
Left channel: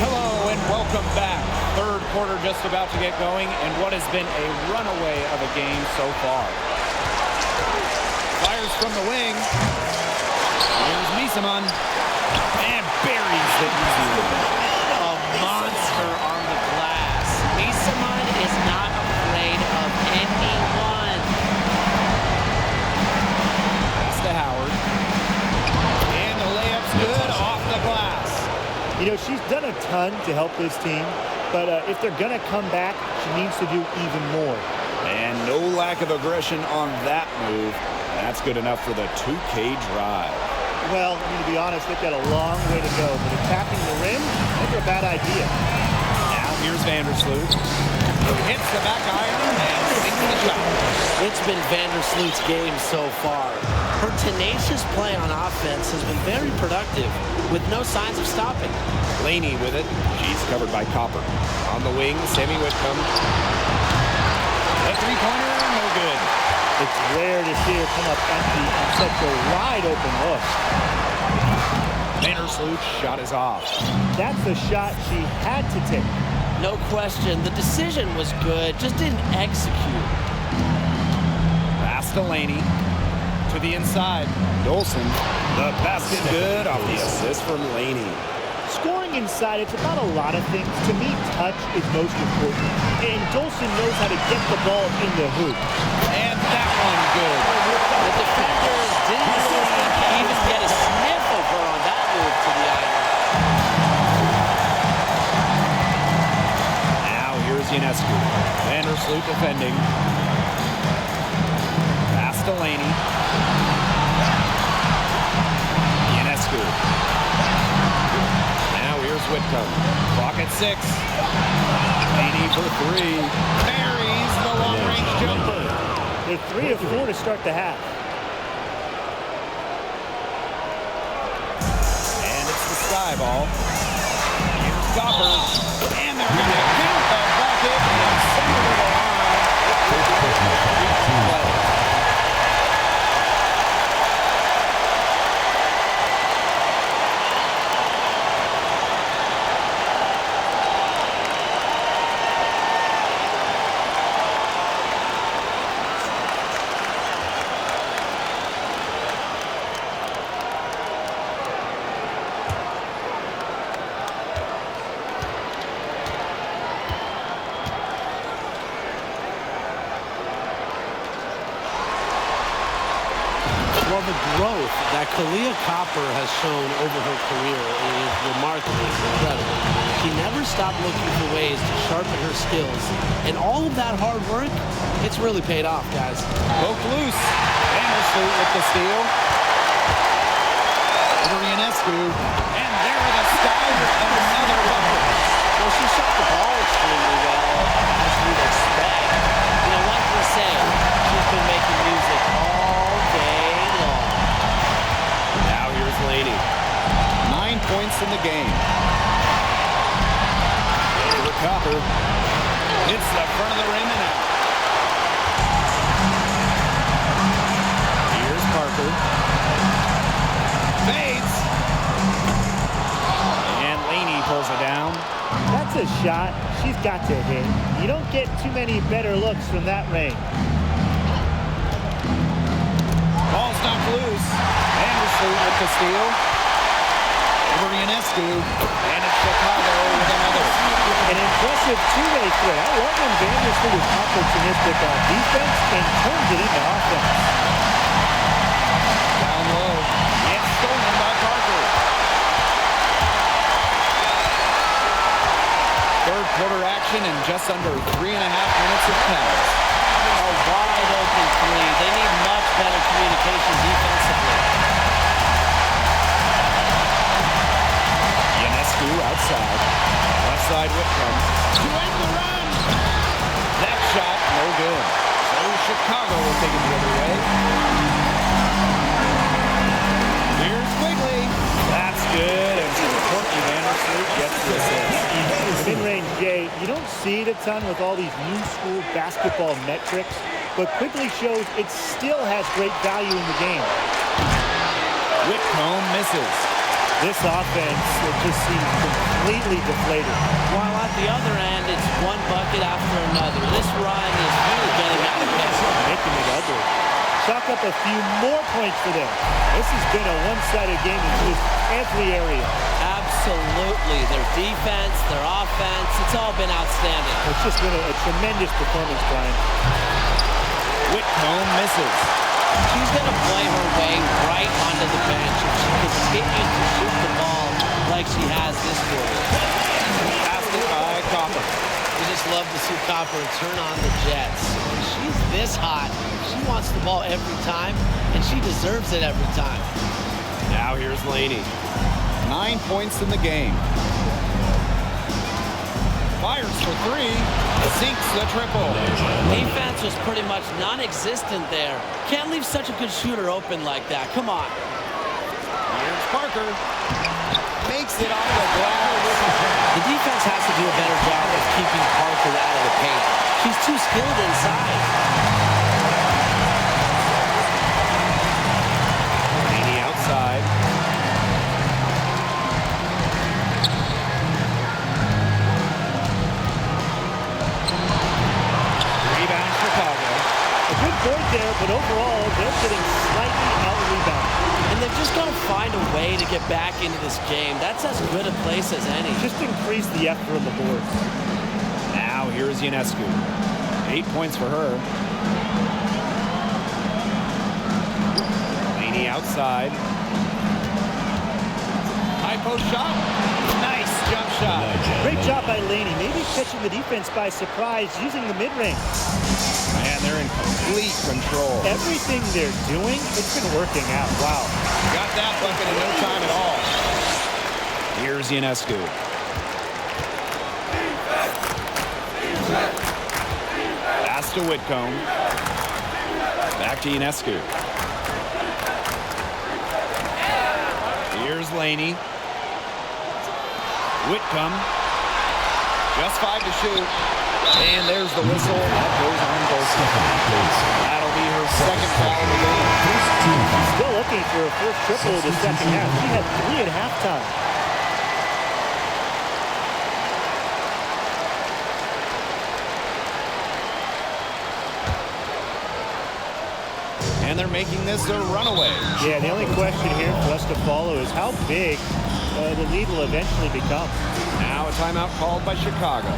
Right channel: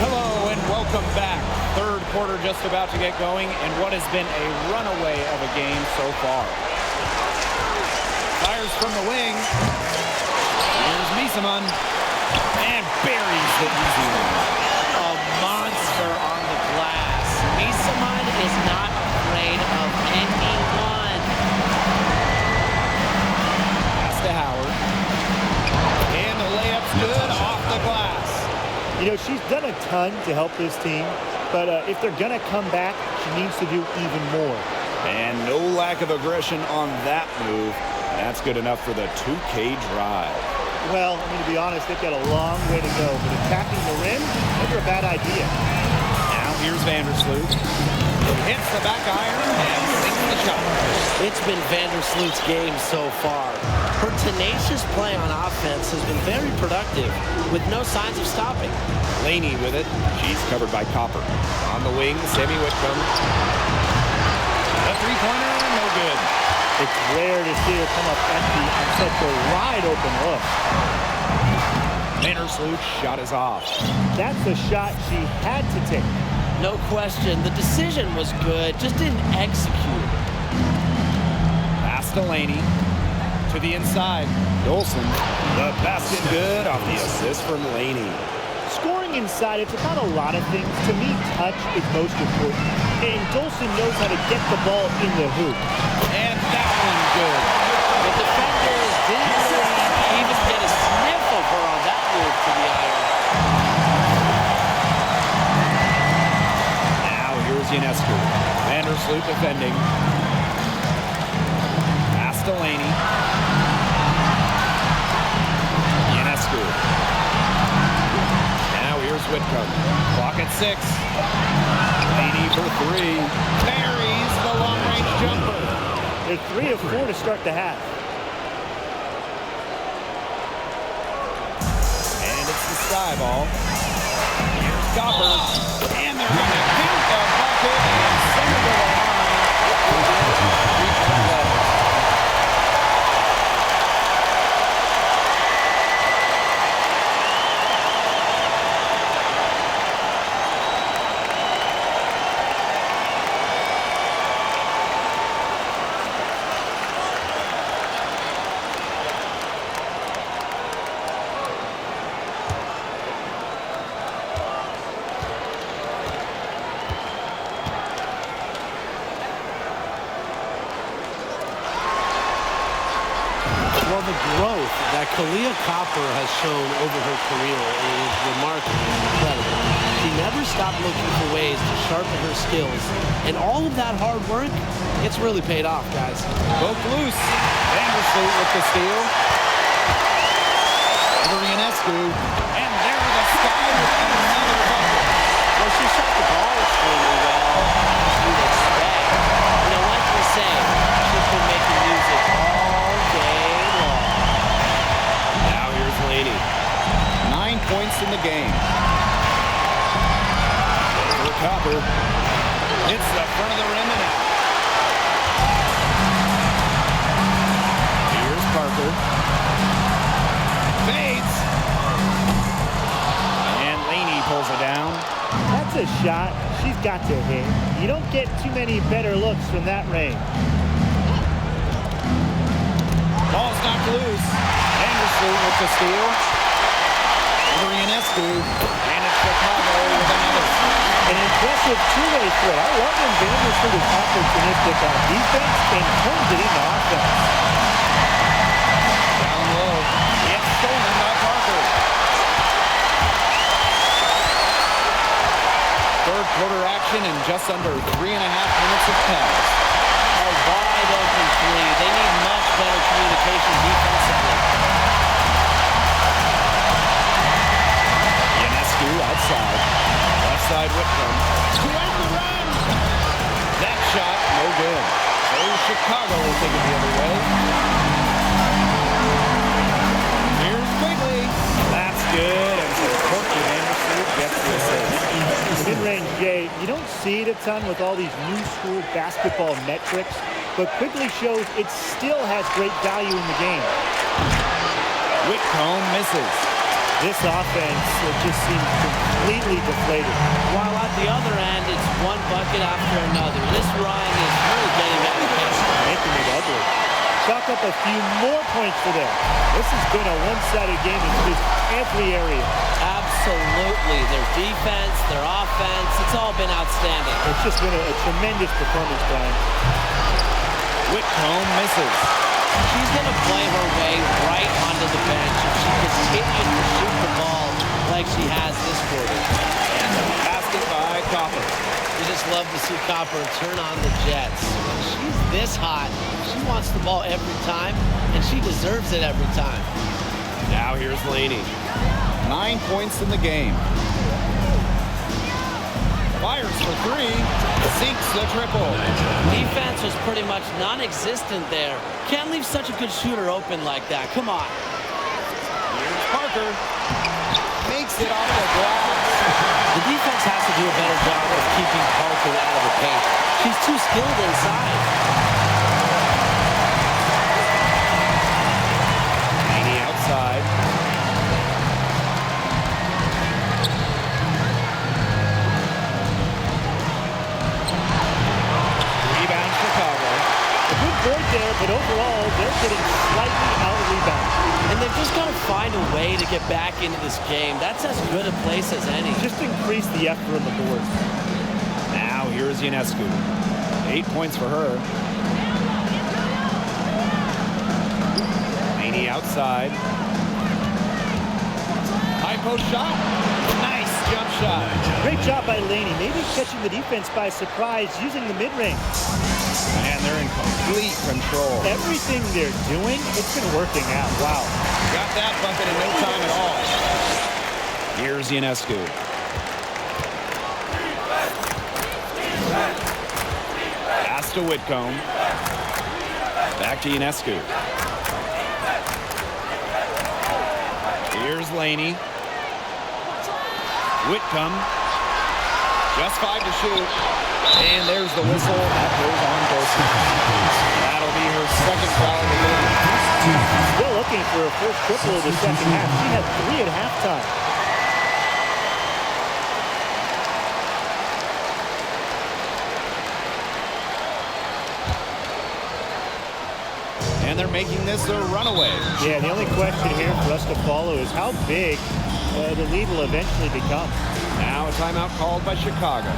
Hello and welcome back. Third quarter just about to get going, and what has been a runaway of a game so far. Fires from the wing. Here's Misaman. And buries the easy one. A monster on the glass. Misaman is not afraid of anyone. Pass to Howard. And the layup's good off the glass. You know, she's done a ton to help this team, but if they're going to come back, she needs to do even more. And no lack of aggression on that move. That's good enough for the 2K drive. Well, I mean, to be honest, they've got a long way to go, but attacking the rim, never a bad idea. Now here's Vandersloot. Who hits the back iron and sinks the shot. It's been Vandersloot's game so far. Her tenacious play on offense has been very productive, with no signs of stopping. Laney with it. She's covered by Copper. On the wing, Sammy Whitcomb. The three-pointer, no good. It's rare to see her come up empty on such a wide-open look. Vandersloot's shot is off. That's a shot she had to take. No question. The decision was good, just didn't execute. Pass to Laney. To the inside. Dolson. The basket good off the assist from Laney. Scoring inside, it's about a lot of things. To me, touch is most important. And Dolson knows how to get the ball in the hoop. And that one good. The defenders didn't really even get a sniff of her on that move to the iron. Now here's Ionescu. Vandersloot defending. Pass to Laney. Ionescu. Now here's Whitcomb. Clock at 6. Laney for 3. Buries the long-range jumper. They're 3 of 4 to start the half. And it's the sky ball. Here's Copper. And they're going to count the bucket and send it to the line. Three-point play. Well, the growth that Kahleah Copper has shown over her career is remarkable, incredible. She never stopped looking for ways to sharpen her skills, and all of that hard work, it's really paid off, guys. Poke loose. Vandersloot with the steal. Over Ionescu. And there the Sky with another bucket. Well, she shot the ball extremely well, as you'd expect. You know, like we say, she's been making music all day long. Now here's Laney. 9 points in the game. Over Copper. Hits the front of the rim and out. Here's Parker. Fades. And Laney pulls it down. That's a shot she's got to hit. You don't get too many better looks from that range. Ball's knocked loose. Vandersloot with the steal. Over Ionescu. And it's Chicago with another. An impressive two-way threat. I love when Vandersloot is opportunistic on defense and turns it into offense. Down low. It's stolen by Parker. Third quarter action and just under 3.5 minutes have passed. A wide open three. They need much better communication defensively. Ionescu outside. Left side Whitcomb. To end the run. shot, no good. So Chicago will take it the other way. Here's Quigley. That's good, and so Courtney Vandersloot gets the assist. Mid-range, Jay, you don't see it a ton with all these new school basketball metrics, but Quigley shows it still has great value in the game. Whitcomb misses. This offense just seems completely deflated. While at the other end, it's one bucket after another. This run is really getting out of hand. Making it ugly. Chalk up a few more points for them. This has been a one-sided game in just every area. Absolutely. Their defense, their offense, it's all been outstanding. It's just been a tremendous performance, Brian. Whitcomb misses. She's going to play her way right onto the bench if she continues to shoot the ball like she has this quarter. Basket by Copper. We just love to see Copper turn on the Jets. When she's this hot, she wants the ball every time, and she deserves it every time. Now here's Laney. 9 points in the game. Fires for three. Sinks the triple. Defense was pretty much non-existent there. Can't leave such a good shooter open like that. Come on. Here's Parker. Makes it off the glass. The defense has to do a better job of keeping Parker out of the paint. She's too skilled inside. Laney outside. Rebound Chicago. A good point there, but overall, they're getting slightly out-rebounded. And they've just got to find a way to get back into this game. That's as good a place as any. Just increase the effort on the boards. Now here's Ionescu. 8 points for her. Laney outside. High post shot. Nice jump shot. Great job by Laney, maybe catching the defense by surprise using the mid-range. Man, they're in complete control. Everything they're doing, it's been working out. Wow. Got that bucket in no time at all. Here's Ionescu. Pass to Whitcomb. Back to Ionescu. Here's Laney. Whitcomb. Just 5 to shoot. And there's the whistle. That goes on Golston. That'll be her second foul of the game. Still looking for her first triple of the second half. She had 3 at halftime. And they're making this a runaway. Yeah, the only question here for us to follow is how big the lead will eventually become. Now a timeout called by Chicago.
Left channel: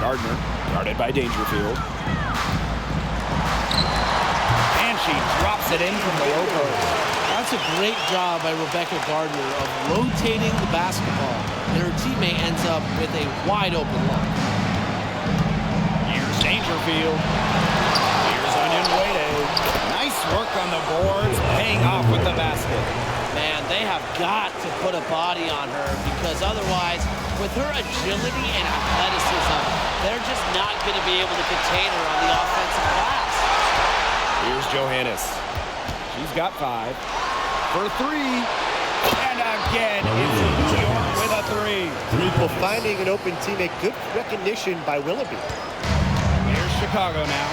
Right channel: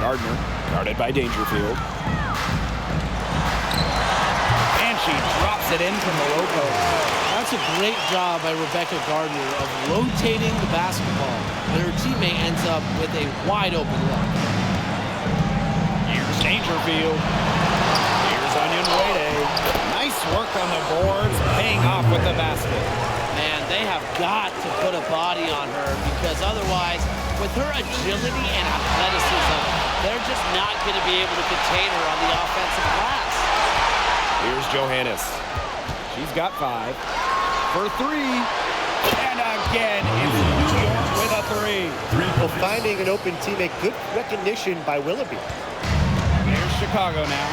Gardner, guarded by Dangerfield. And she drops it in from the low post. That's a great job by Rebecca Gardner of rotating the basketball, and her teammate ends up with a wide open look. Here's Dangerfield. Here's Onion Wade. Nice work on the boards, paying off with the basket. Man, they have got to put a body on her, because otherwise, with her agility and athleticism, they're just not going to be able to contain her on the offensive glass. Here's Johannes. She's got 5. For 3. And again, it's New York with a 3. Well, finding an open teammate, good recognition by Willoughby. Here's Chicago now.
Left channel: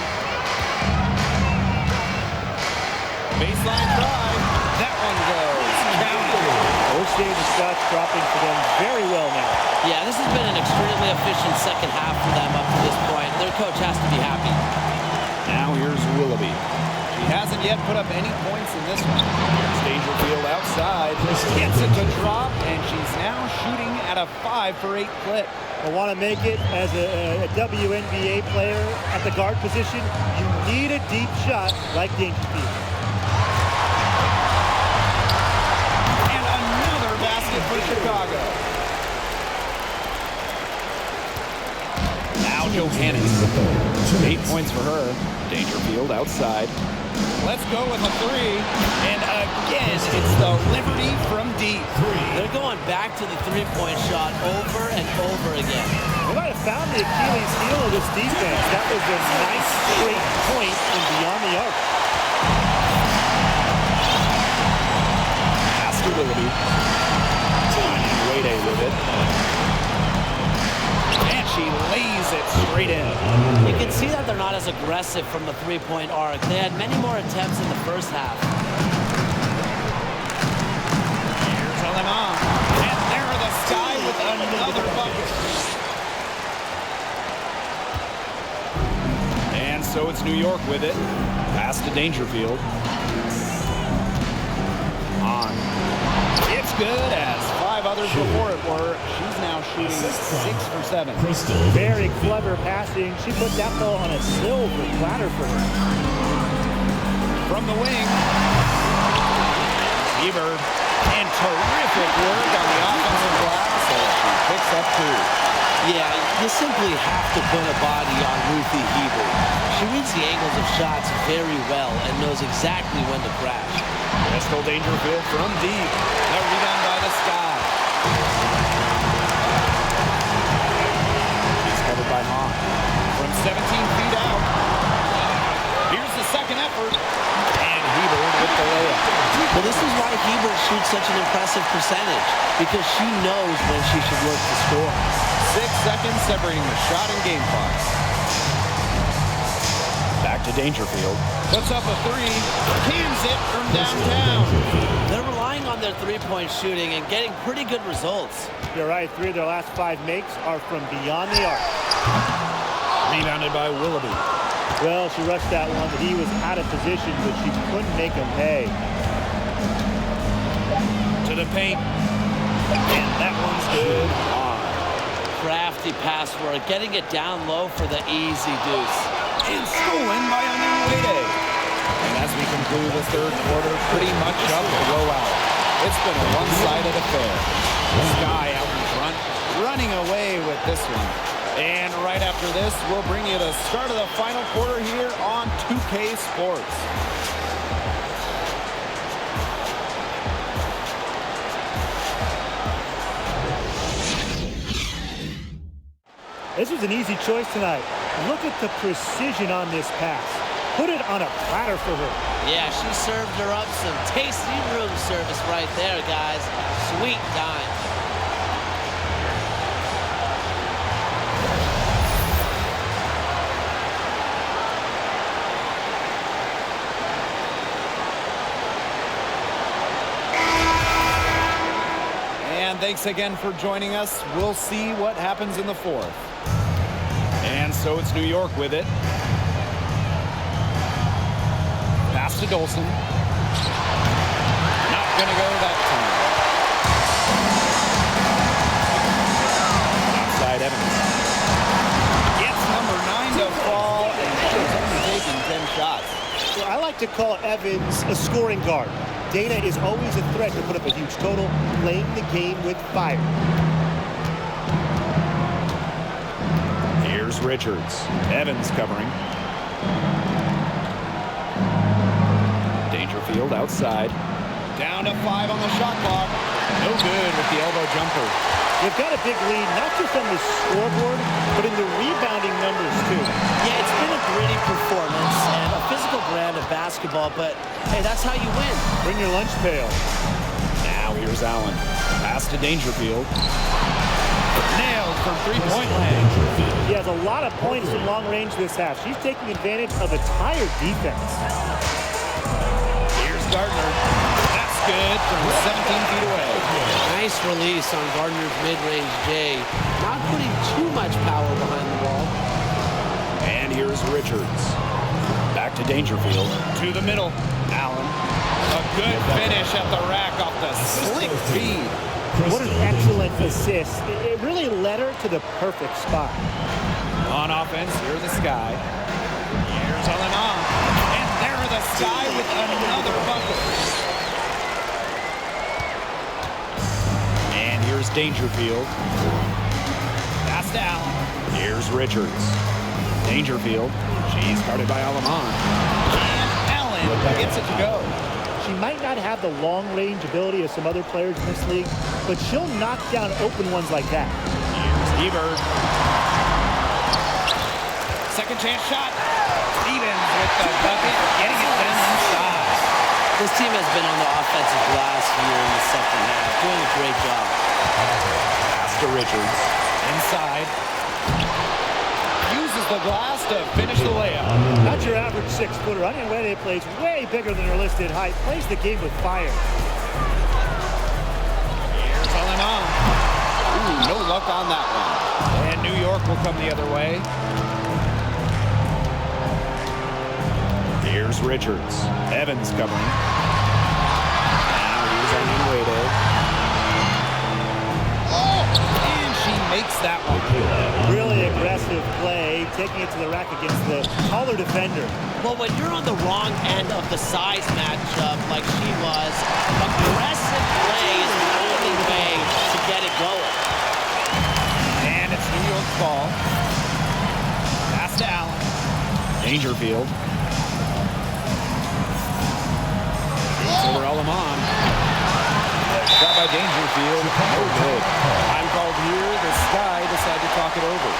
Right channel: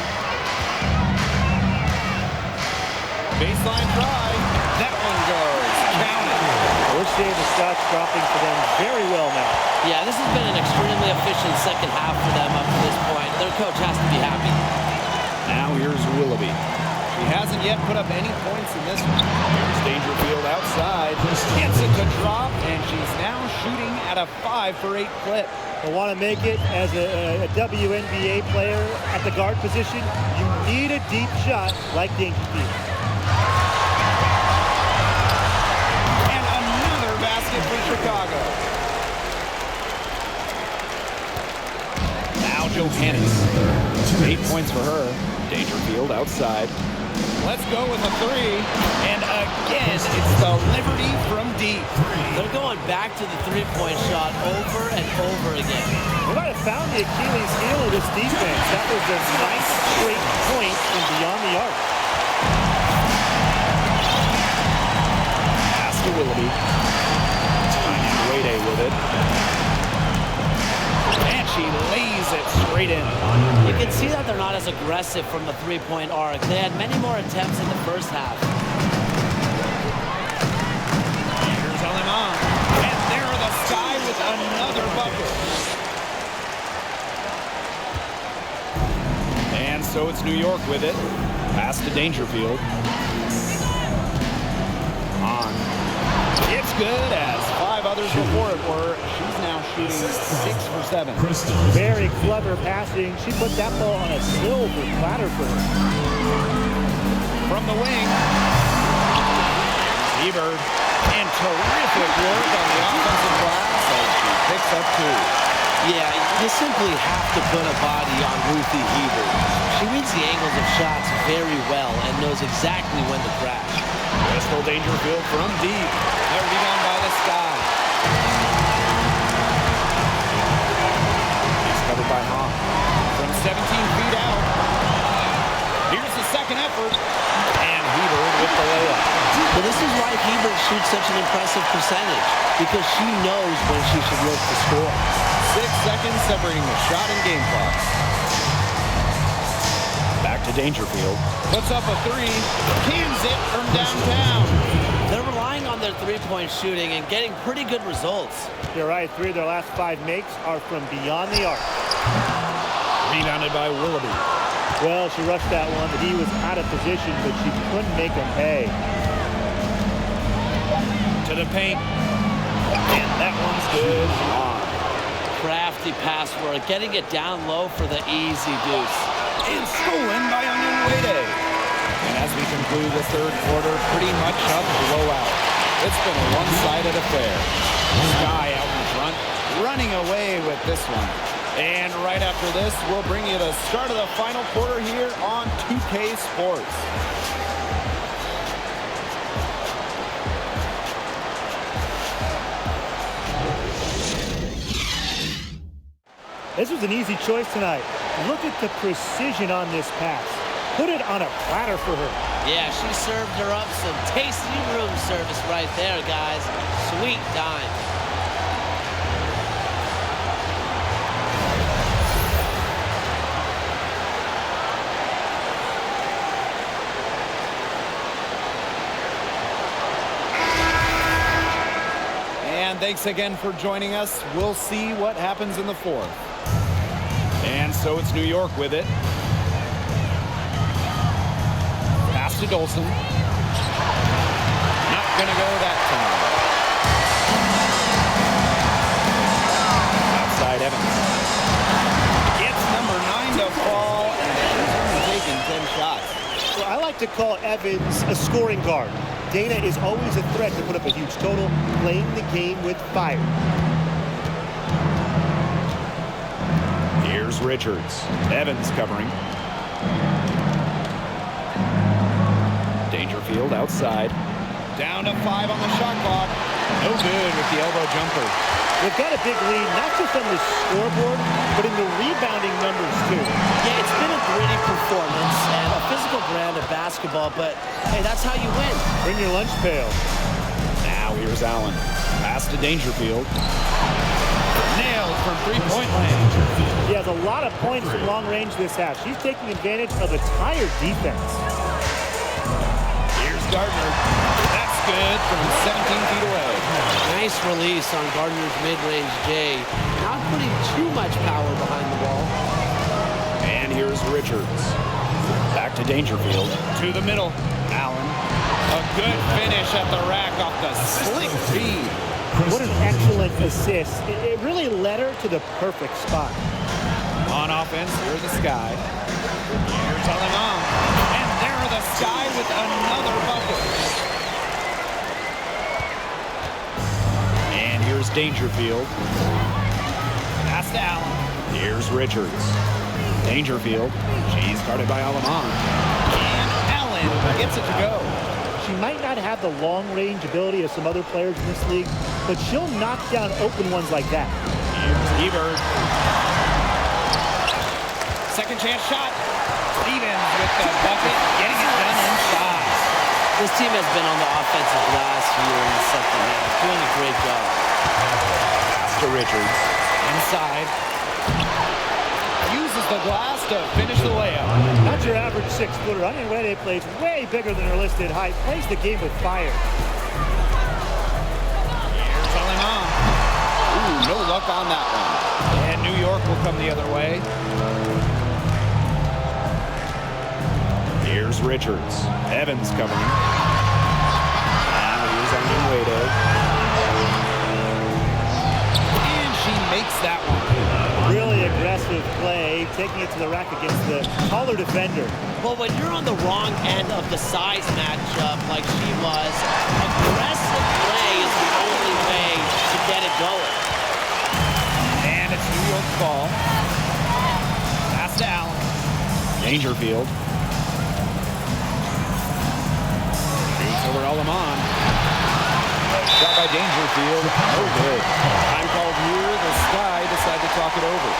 Baseline try. That one goes. Count it. We're seeing the shots dropping for them very well now. Yeah, this has been an extremely efficient second half for them up to this point. Their coach has to be happy. Now here's Willoughby. She hasn't yet put up any points in this one. Here's Dangerfield outside. Gets it to drop, and she's now shooting at a 5 for 8 clip. But want to make it as a WNBA player at the guard position, you need a deep shot like Dangerfield. And another basket for Chicago. Now Johannes. 8 points for her. Dangerfield outside. Let's go with a 3. And again, it's the Liberty from deep. They're going back to the three-point shot over and over again. They might have found the Achilles heel of this defense. That was their 9th straight point from beyond the arc. Pass to Willoughby. Onion Wade with it. And she lays it straight in. You can see that they're not as aggressive from the three-point arc. They had many more attempts in the first half. Here's Aleman. And there the Sky with another bucket. And so it's New York with it. Pass to Dangerfield. On. It's good, as 5 others before it were. She's now shooting 6 for 7. Very clever passing. She put that ball on a silver platter for her. From the wing, Hebert, and terrific work on the offensive glass as she picks up 2. Yeah, you simply have to put a body on Ruthie Hebert. She reads the angles of shots very well and knows exactly when to crash. Crystal Dangerfield from deep. The rebound by the Sky. He's covered by Hahn. From 17 feet out. Here's the second effort. And Hebert with the layup. Well, this is why Hebert shoots such an impressive percentage, because she knows when she should look to score. 6 seconds separating the shot and game clocks. Back to Dangerfield. Puts up a 3. Cans it from downtown. They're relying on their three-point shooting and getting pretty good results. You're right. 3 of their last 5 makes are from beyond the arc. Rebounded by Willoughby. Well, she rushed that one, but he was out of position, but she couldn't make him pay. To the paint. And that one's good. On. Crafty pass work, getting it down low for the easy deuce. And stolen by Onion Wade. And as we conclude the third quarter, pretty much a blowout. It's been a one-sided affair. Sky out in front, running away with this one. And right after this, we'll bring you the start of the final quarter here on 2K Sports. This was an easy choice tonight. Look at the precision on this pass. Put it on a platter for her. Yeah, she served her up some tasty room service right there, guys. Sweet dime. And thanks again for joining us. We'll see what happens in the fourth. And so it's New York with it. Pass to Dolson. Not gonna go that time. Outside Evans. Gets number 9 to fall, and she's only taken 10 shots. Well, I like to call Evans a scoring guard. Dana is always a threat to put up a huge total, playing the game with fire. Here's Richards. Evans covering. Dangerfield outside. Down to 5 on the shot clock. No good with the elbow jumper. They've got a big lead, not just on the scoreboard, but in the rebounding numbers, too. Yeah, it's been a gritty performance and a physical brand of basketball, but, hey, that's how you win. Bring your lunch pail. Now here's Allen. Pass to Dangerfield. Nailed from three-point land. He has a lot of points from long range this half. She's taking advantage of a tired defense. Here's Gardner. That's good from 17 feet away. Nice release on Gardner's mid-range J. Not putting too much power behind the ball. And here's Richards. Back to Dangerfield. To the middle. Allen. A good finish at the rack off the slick feed. What an excellent assist. It really led her to the perfect spot. On offense, here's the Sky. Here's Alemán. And there are the Sky with another bucket. And here's Dangerfield. Pass to Allen. Here's Richards. Dangerfield. She's guarded by Alemán. And Allen gets it to go. She might not have the long-range ability of some other players in this league, but she'll knock down open ones like that. Here's Hebert. Second chance shot. Stevens with the bucket, getting it done inside. This team has been on the offensive glass here in the second half, doing a great job. Pass to Richards. Inside. Uses the glass to finish the layup. Not your average 6-footer. Onion Wede plays way bigger than her listed height. Plays the game with fire. Here's Alemán. Ooh, no luck on that one. And New York will come the other way. Here's Richards. Evans covering. Now here's Onion Wede. And she makes that one. Really aggressive play, taking it to the rack against the taller defender. Well, when you're on the wrong end of the size matchup like she was, aggressive play is the only way to get it going. And it's New York's ball. Pass to Allen. Dangerfield. Shoots over Alemán. Shot by Dangerfield. No good. Time called here. The Sky decide to talk it over.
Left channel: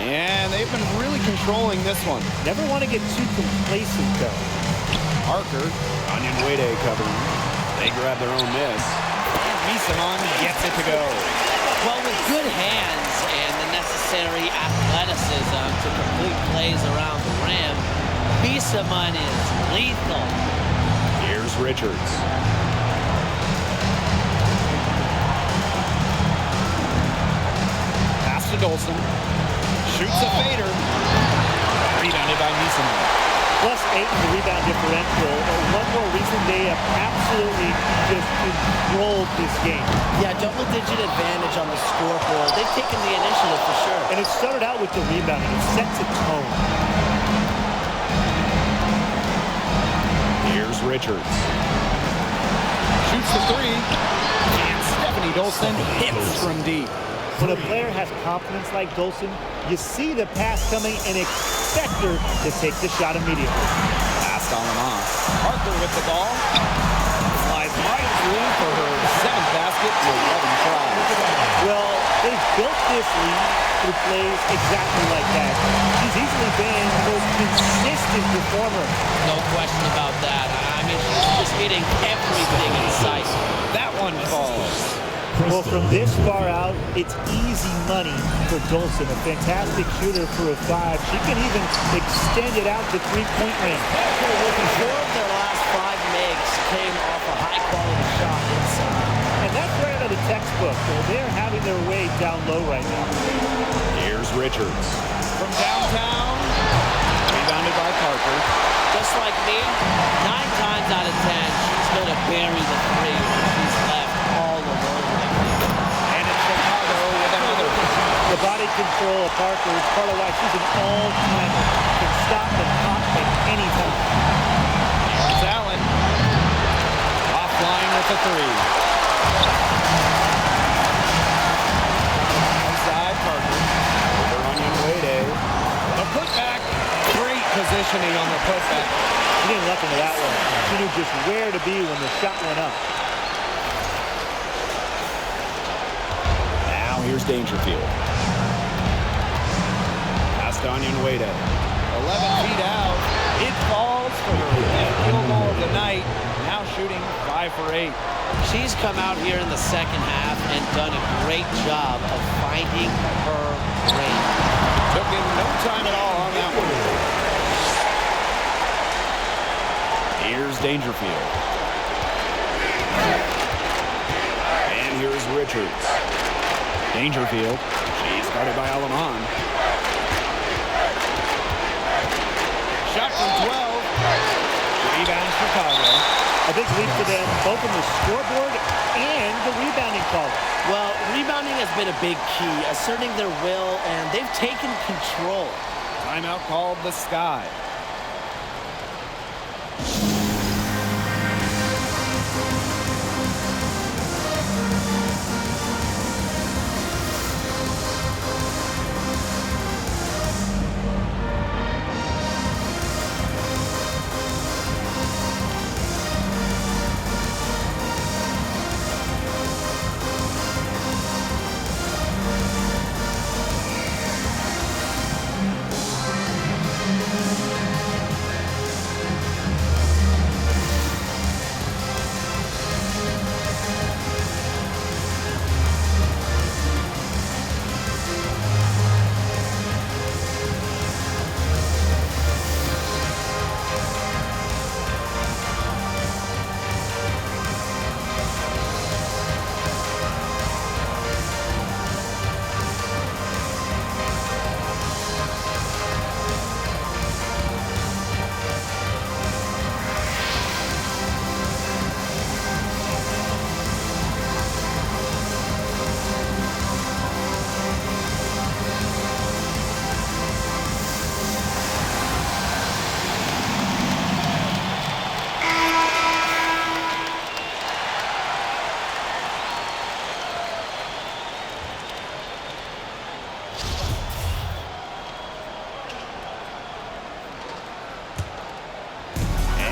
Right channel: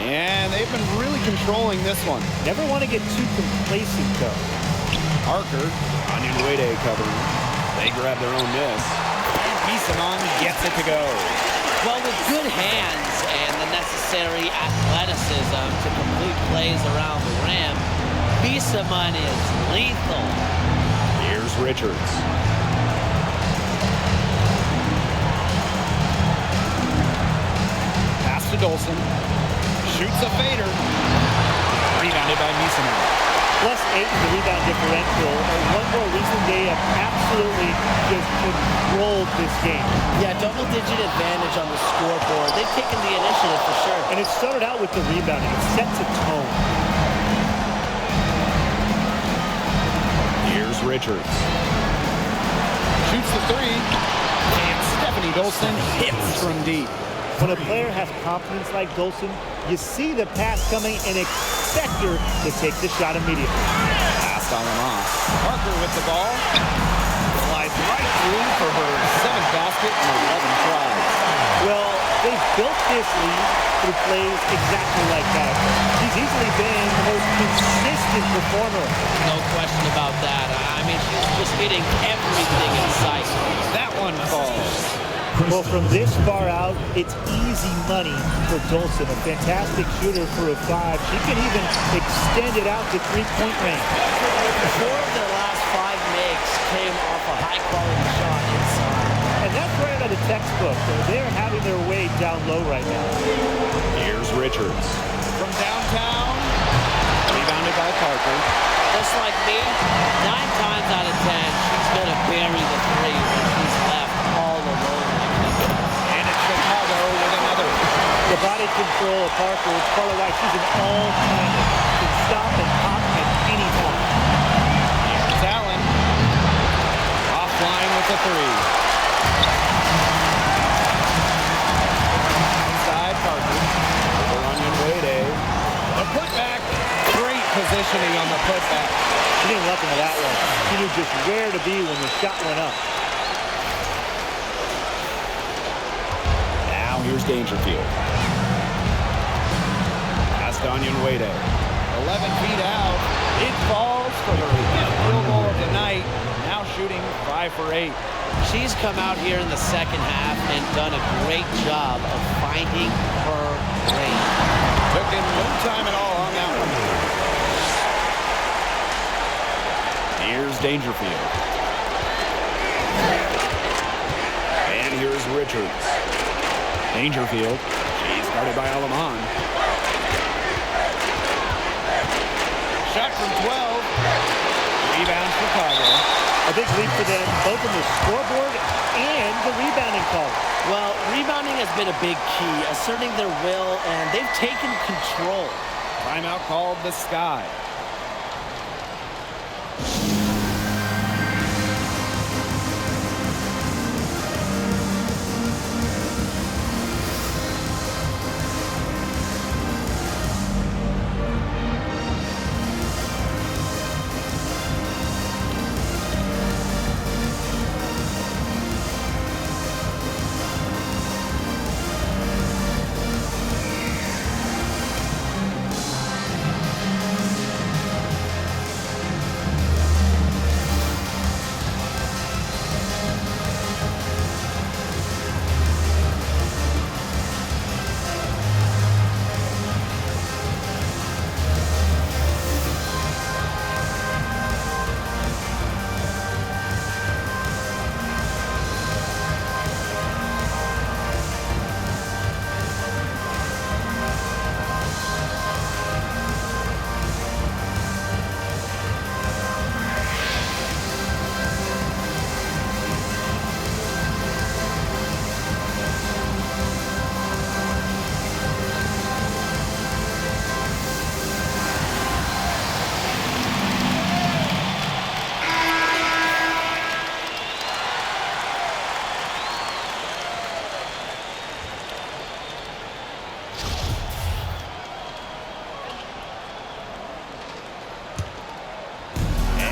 And they've been really controlling this one. Never want to get too complacent, though. Parker. Onion Wede covering. They grab their own miss. And Misamon gets it to go. Well, with good hands and the necessary athleticism to complete plays around the rim, Misamon is lethal. Here's Richards. to Dolson. Shoots a fader. Rebounded by Misanon. +8 in the rebound differential. One more reason they have absolutely just controlled this game. Yeah, double-digit advantage on the scoreboard. They've taken the initiative for sure. And it started out with the rebounding. It sets a tone. Here's Richards. Shoots the three. And Stephanie Dolson hits from deep. When a player has confidence like Dolson, you see the pass coming and expect her to take the shot immediately. Pass on and off. Parker with the ball. Slides right through for her 7th basket in 11 tries. Well, they've built this lead through plays exactly like that. She's easily been the most consistent performer. No question about that. I mean, she's just hitting everything in sight. That one falls. Well, from this far out, it's easy money for Dolson. A fantastic shooter for a 5. She can even extend it out to three-point range. 4 of their last 5 makes came off a high-quality shot inside. And that's right out of the textbook. They're having their way down low right now. Here's Richards. From downtown, rebounded by Parker. Just like me, 9 times out of 10, she's going to bury the 3 when she's left all alone like this. And it's Chicago with another. The body control of Parker, it's part of why she's an all-timer. Can stop and pop at any time. Here's Allen. Offline with the 3. Outside Parker. Over Onion Wade. The putback. Great positioning on the putback. She didn't look into that one. She knew just where to be when the shot went up. Now here's Dangerfield. Pass to Onion Wade. 11 feet out. It falls for her 5th field goal of the night. Now shooting 5 for 8. She's come out here in the second half and done a great job of finding her range. Took him no time at all on that one. Here's Dangerfield. And here's Richards. Dangerfield. She's guarded by Alaman. Shot from 12. Rebound Chicago. A big leap for them, both on the scoreboard and the rebounding column. Well, rebounding has been a big key, asserting their will, and they've taken control. Timeout called the Sky.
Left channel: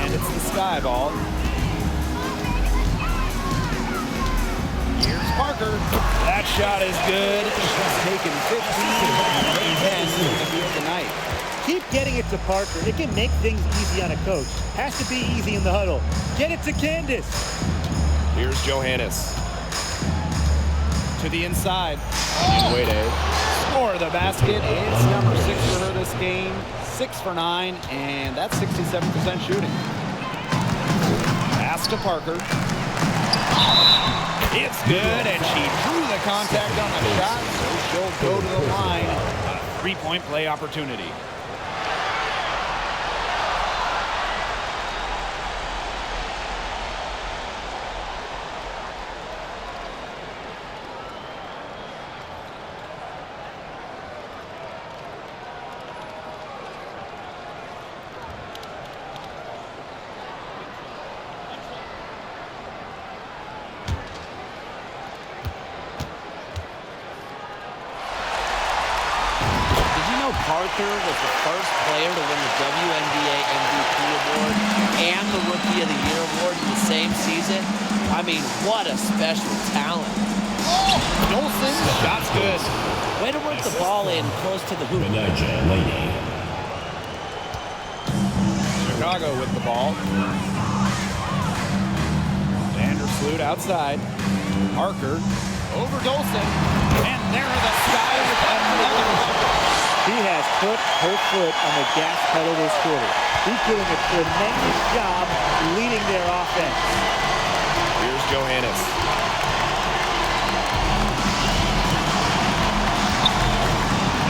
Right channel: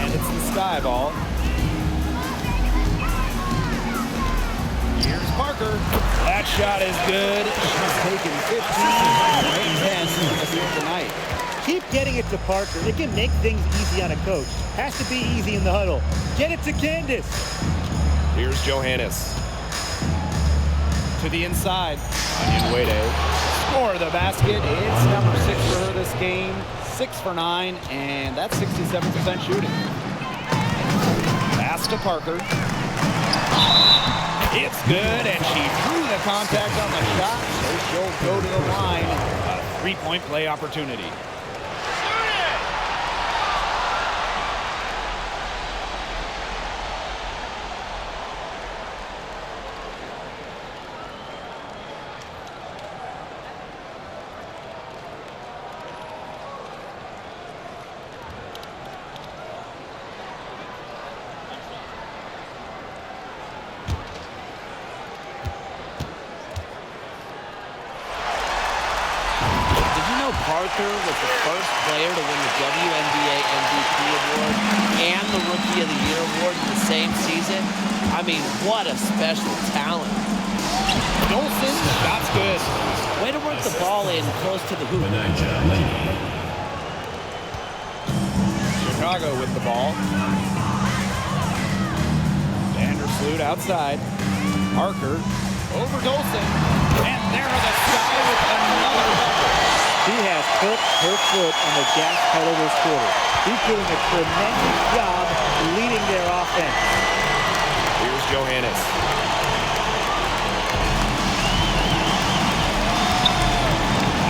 It's the Sky ball. Here's Parker. That shot is good. She's taken 15 and 10 in the field tonight. Keep getting it to Parker. It can make things easy on a coach. Has to be easy in the huddle. Get it to Candace. Here's Johannes. To the inside. Onion Wade. Score the basket. It's number 6 for her this game. 6 for 9, and that's 67% shooting. Pass to Parker. It's good, and she drew the contact on the shot, so she'll go to the line. A three-point play opportunity. Parker was the first player to win the WNBA MVP award and the Rookie of the Year award in the same season. I mean, what a special talent. Dolson, shot's good. Way to work the ball in close to the hoop. Betnijah Laney. Chicago with the ball. Vandersloot outside. Parker over Dolson. And there are the Sky with another bucket. She has put her foot on the gas pedal this quarter. She's doing a tremendous job leading their offense. Here's Johannes.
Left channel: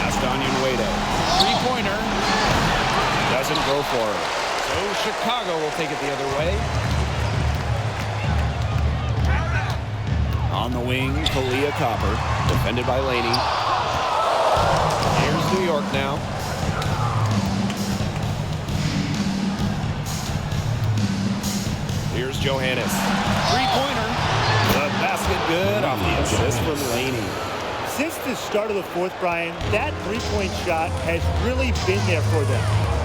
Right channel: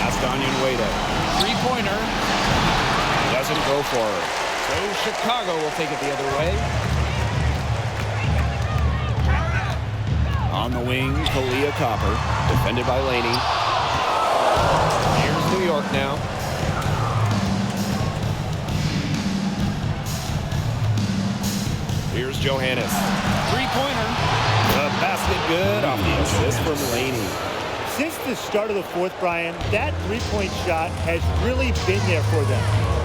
Pass to Onyenwere. Three-pointer. Doesn't go for her. So Chicago will take it the other way. On the wing, Kahleah Copper. Defended by Laney. Here's New York now. Here's Johannes. Three-pointer. The basket good off the assist from Laney. Since the start of the fourth, Brian, that three-point shot has really been there for them.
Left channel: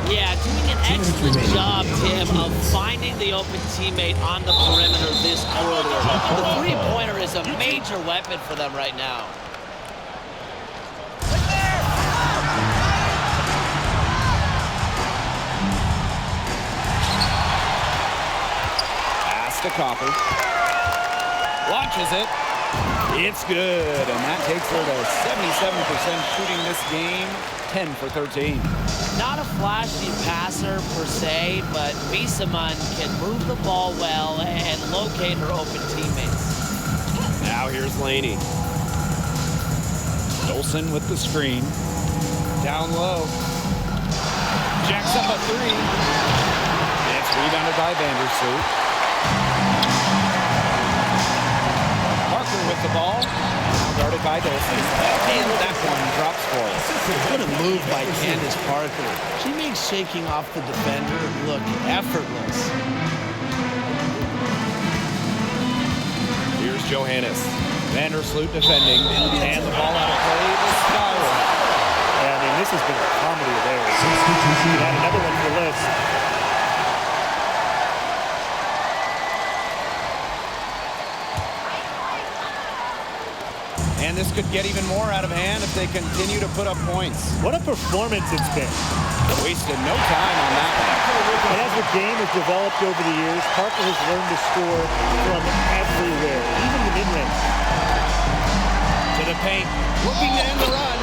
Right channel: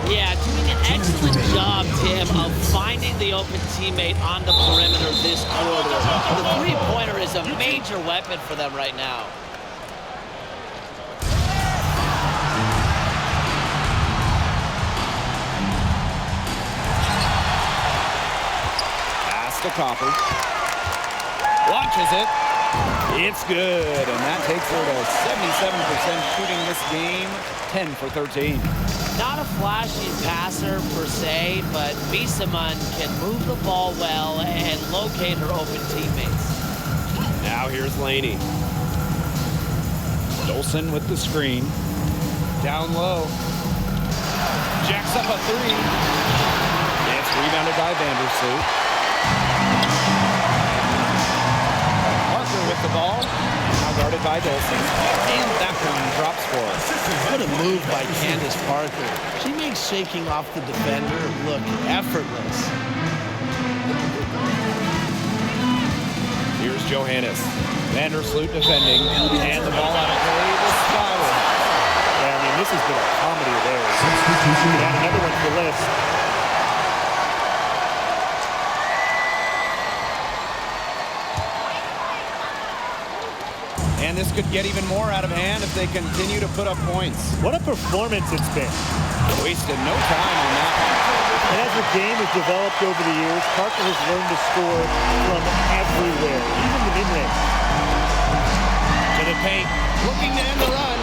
Yeah, doing an excellent job, Tim, of finding the open teammate on the perimeter this quarter. The three-pointer is a major weapon for them right now. To Copper. Launches it. It's good, and that takes her to 77% shooting this game, 10 for 13. Not a flashy passer per se, but Misaman can move the ball well and locate her open teammates. Now here's Laney. Dolson with the screen. Down low. Jacks up a three. It's rebounded by Vandersloot. Parker with the ball, and now guarded by Dolson. And that one drops for her. What a move by Candace Parker. She makes shaking off the defender look effortless. Here's Johannes. Vandersloot defending, and the ball out of play. The Sky will have it. Yeah, I mean, this has been a comedy of errors. You could add another one to the list. And this could get even more out of hand if they continue to put up points. What a performance it's been. Wasted no time on that one. And as her game has developed over the years, Parker has learned to score from everywhere, even the mid-range. To the paint, looking to end the run.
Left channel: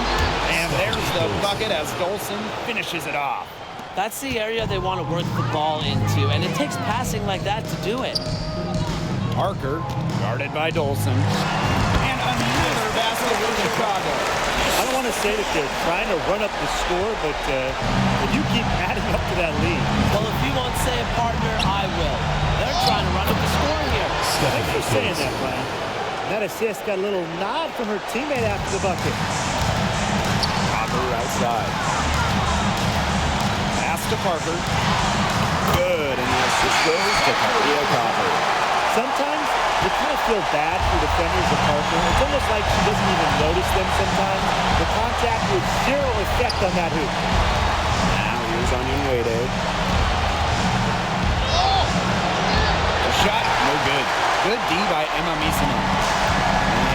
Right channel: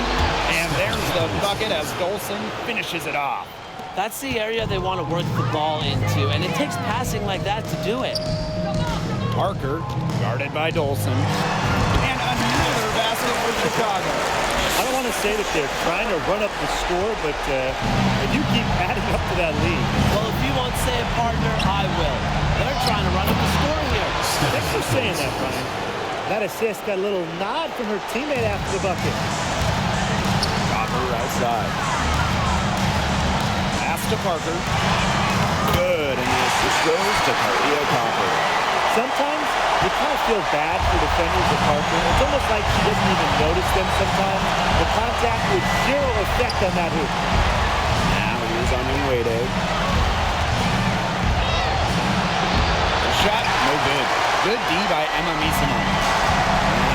And there's the bucket as Dolson finishes it off. That's the area they want to work the ball into, and it takes passing like that to do it. Parker, guarded by Dolson. And another basket for Chicago. I don't want to say that they're trying to run up the score, but you keep adding up to that lead. Well, if you won't say it, partner, I will. They're trying to run up the score here. Thanks for saying that, Brian. That assist got a little nod from her teammate after the bucket. Copper outside. Pass to Parker. Good, and the assist goes to Kahleah Copper. Sometimes you kind of feel bad for defenders of Parker. It's almost like she doesn't even notice them sometimes. The contact with zero effect on that hoop. Now here's Onyenwere. The shot, no good. Good D by Emma Misaman.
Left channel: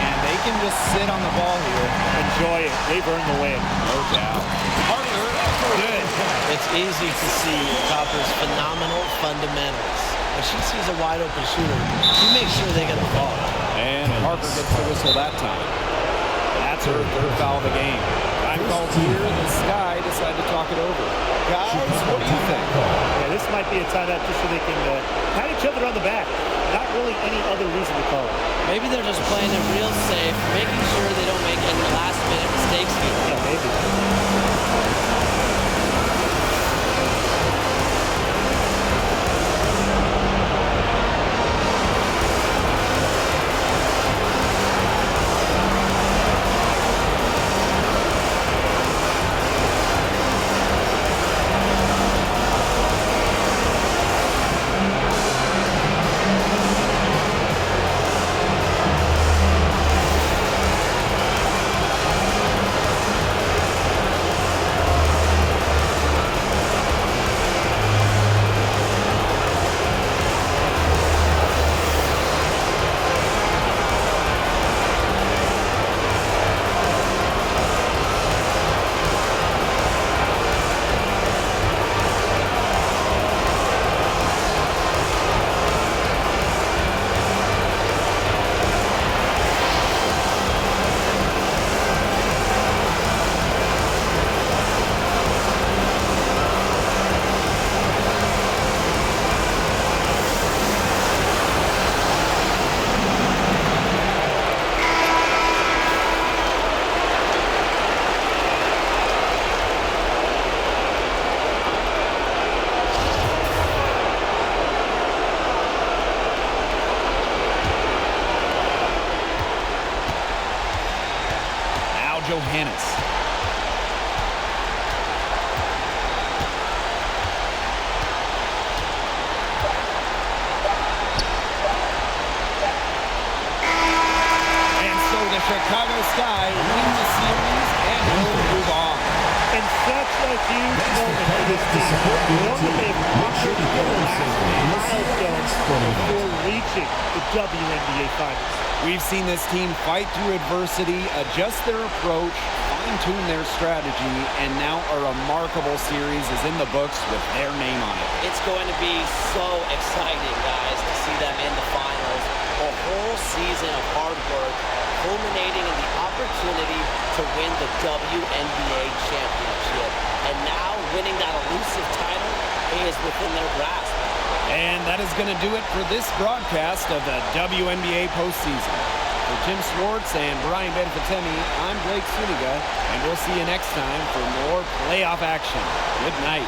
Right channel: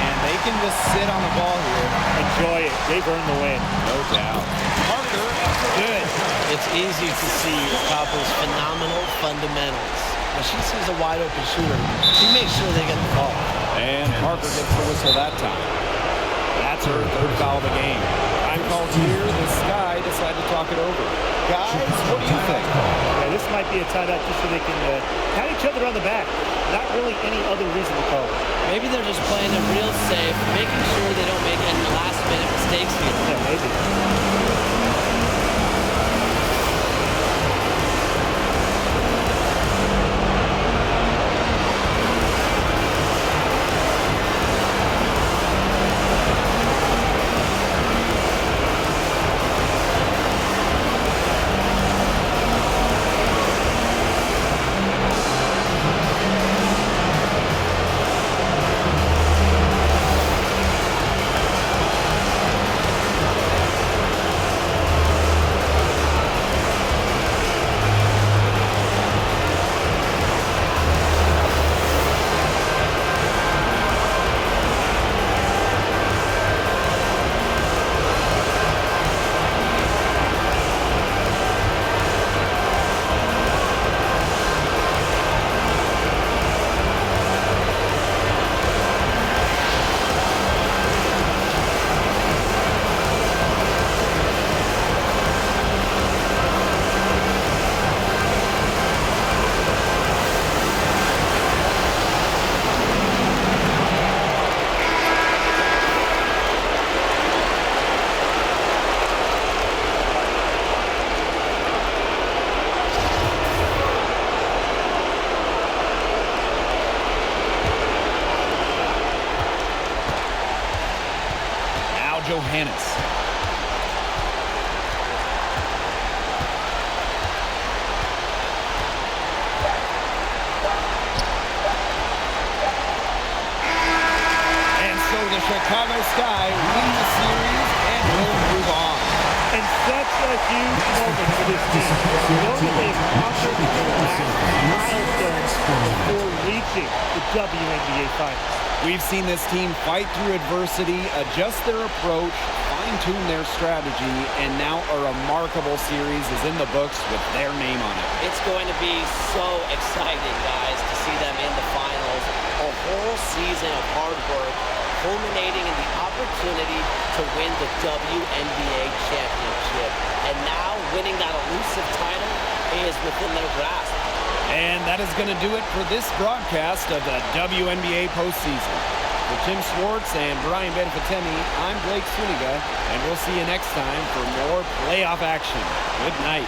And they can just sit on the ball here. Enjoy it. They've earned the win. No doubt. Parker, good. It's easy to see Copper's phenomenal fundamentals. When she sees a wide open shooter, she makes sure they get the ball. And Parker gets the whistle that time. That's her third foul of the game. Time called here. The Sky decide to talk it over. Guys, what do you think? Yeah, this might be a timeout just so they can pat each other on the back. Not really any other reason to call it. Maybe they're just playing it real safe, making sure they don't make any last-minute mistakes here. Yeah, maybe. Johannes. And so the Chicago Sky win the series and will move on. And such a huge moment for this team. Know that they have conquered the last milestone before reaching the WNBA Finals. We've seen this team fight through adversity, adjust their approach, fine-tune their strategy, and now a remarkable series is in the books with their name on it. It's going to be so exciting, guys, to see them in the finals. A whole season of hard work, culminating in the opportunity to win the WNBA championship. And now winning that elusive title is within their grasp. And that is going to do it for this broadcast of the WNBA postseason. For Tim Swartz and Brian Benefitemi, I'm Blake Suniga, and we'll see you next time for more playoff action. Good night.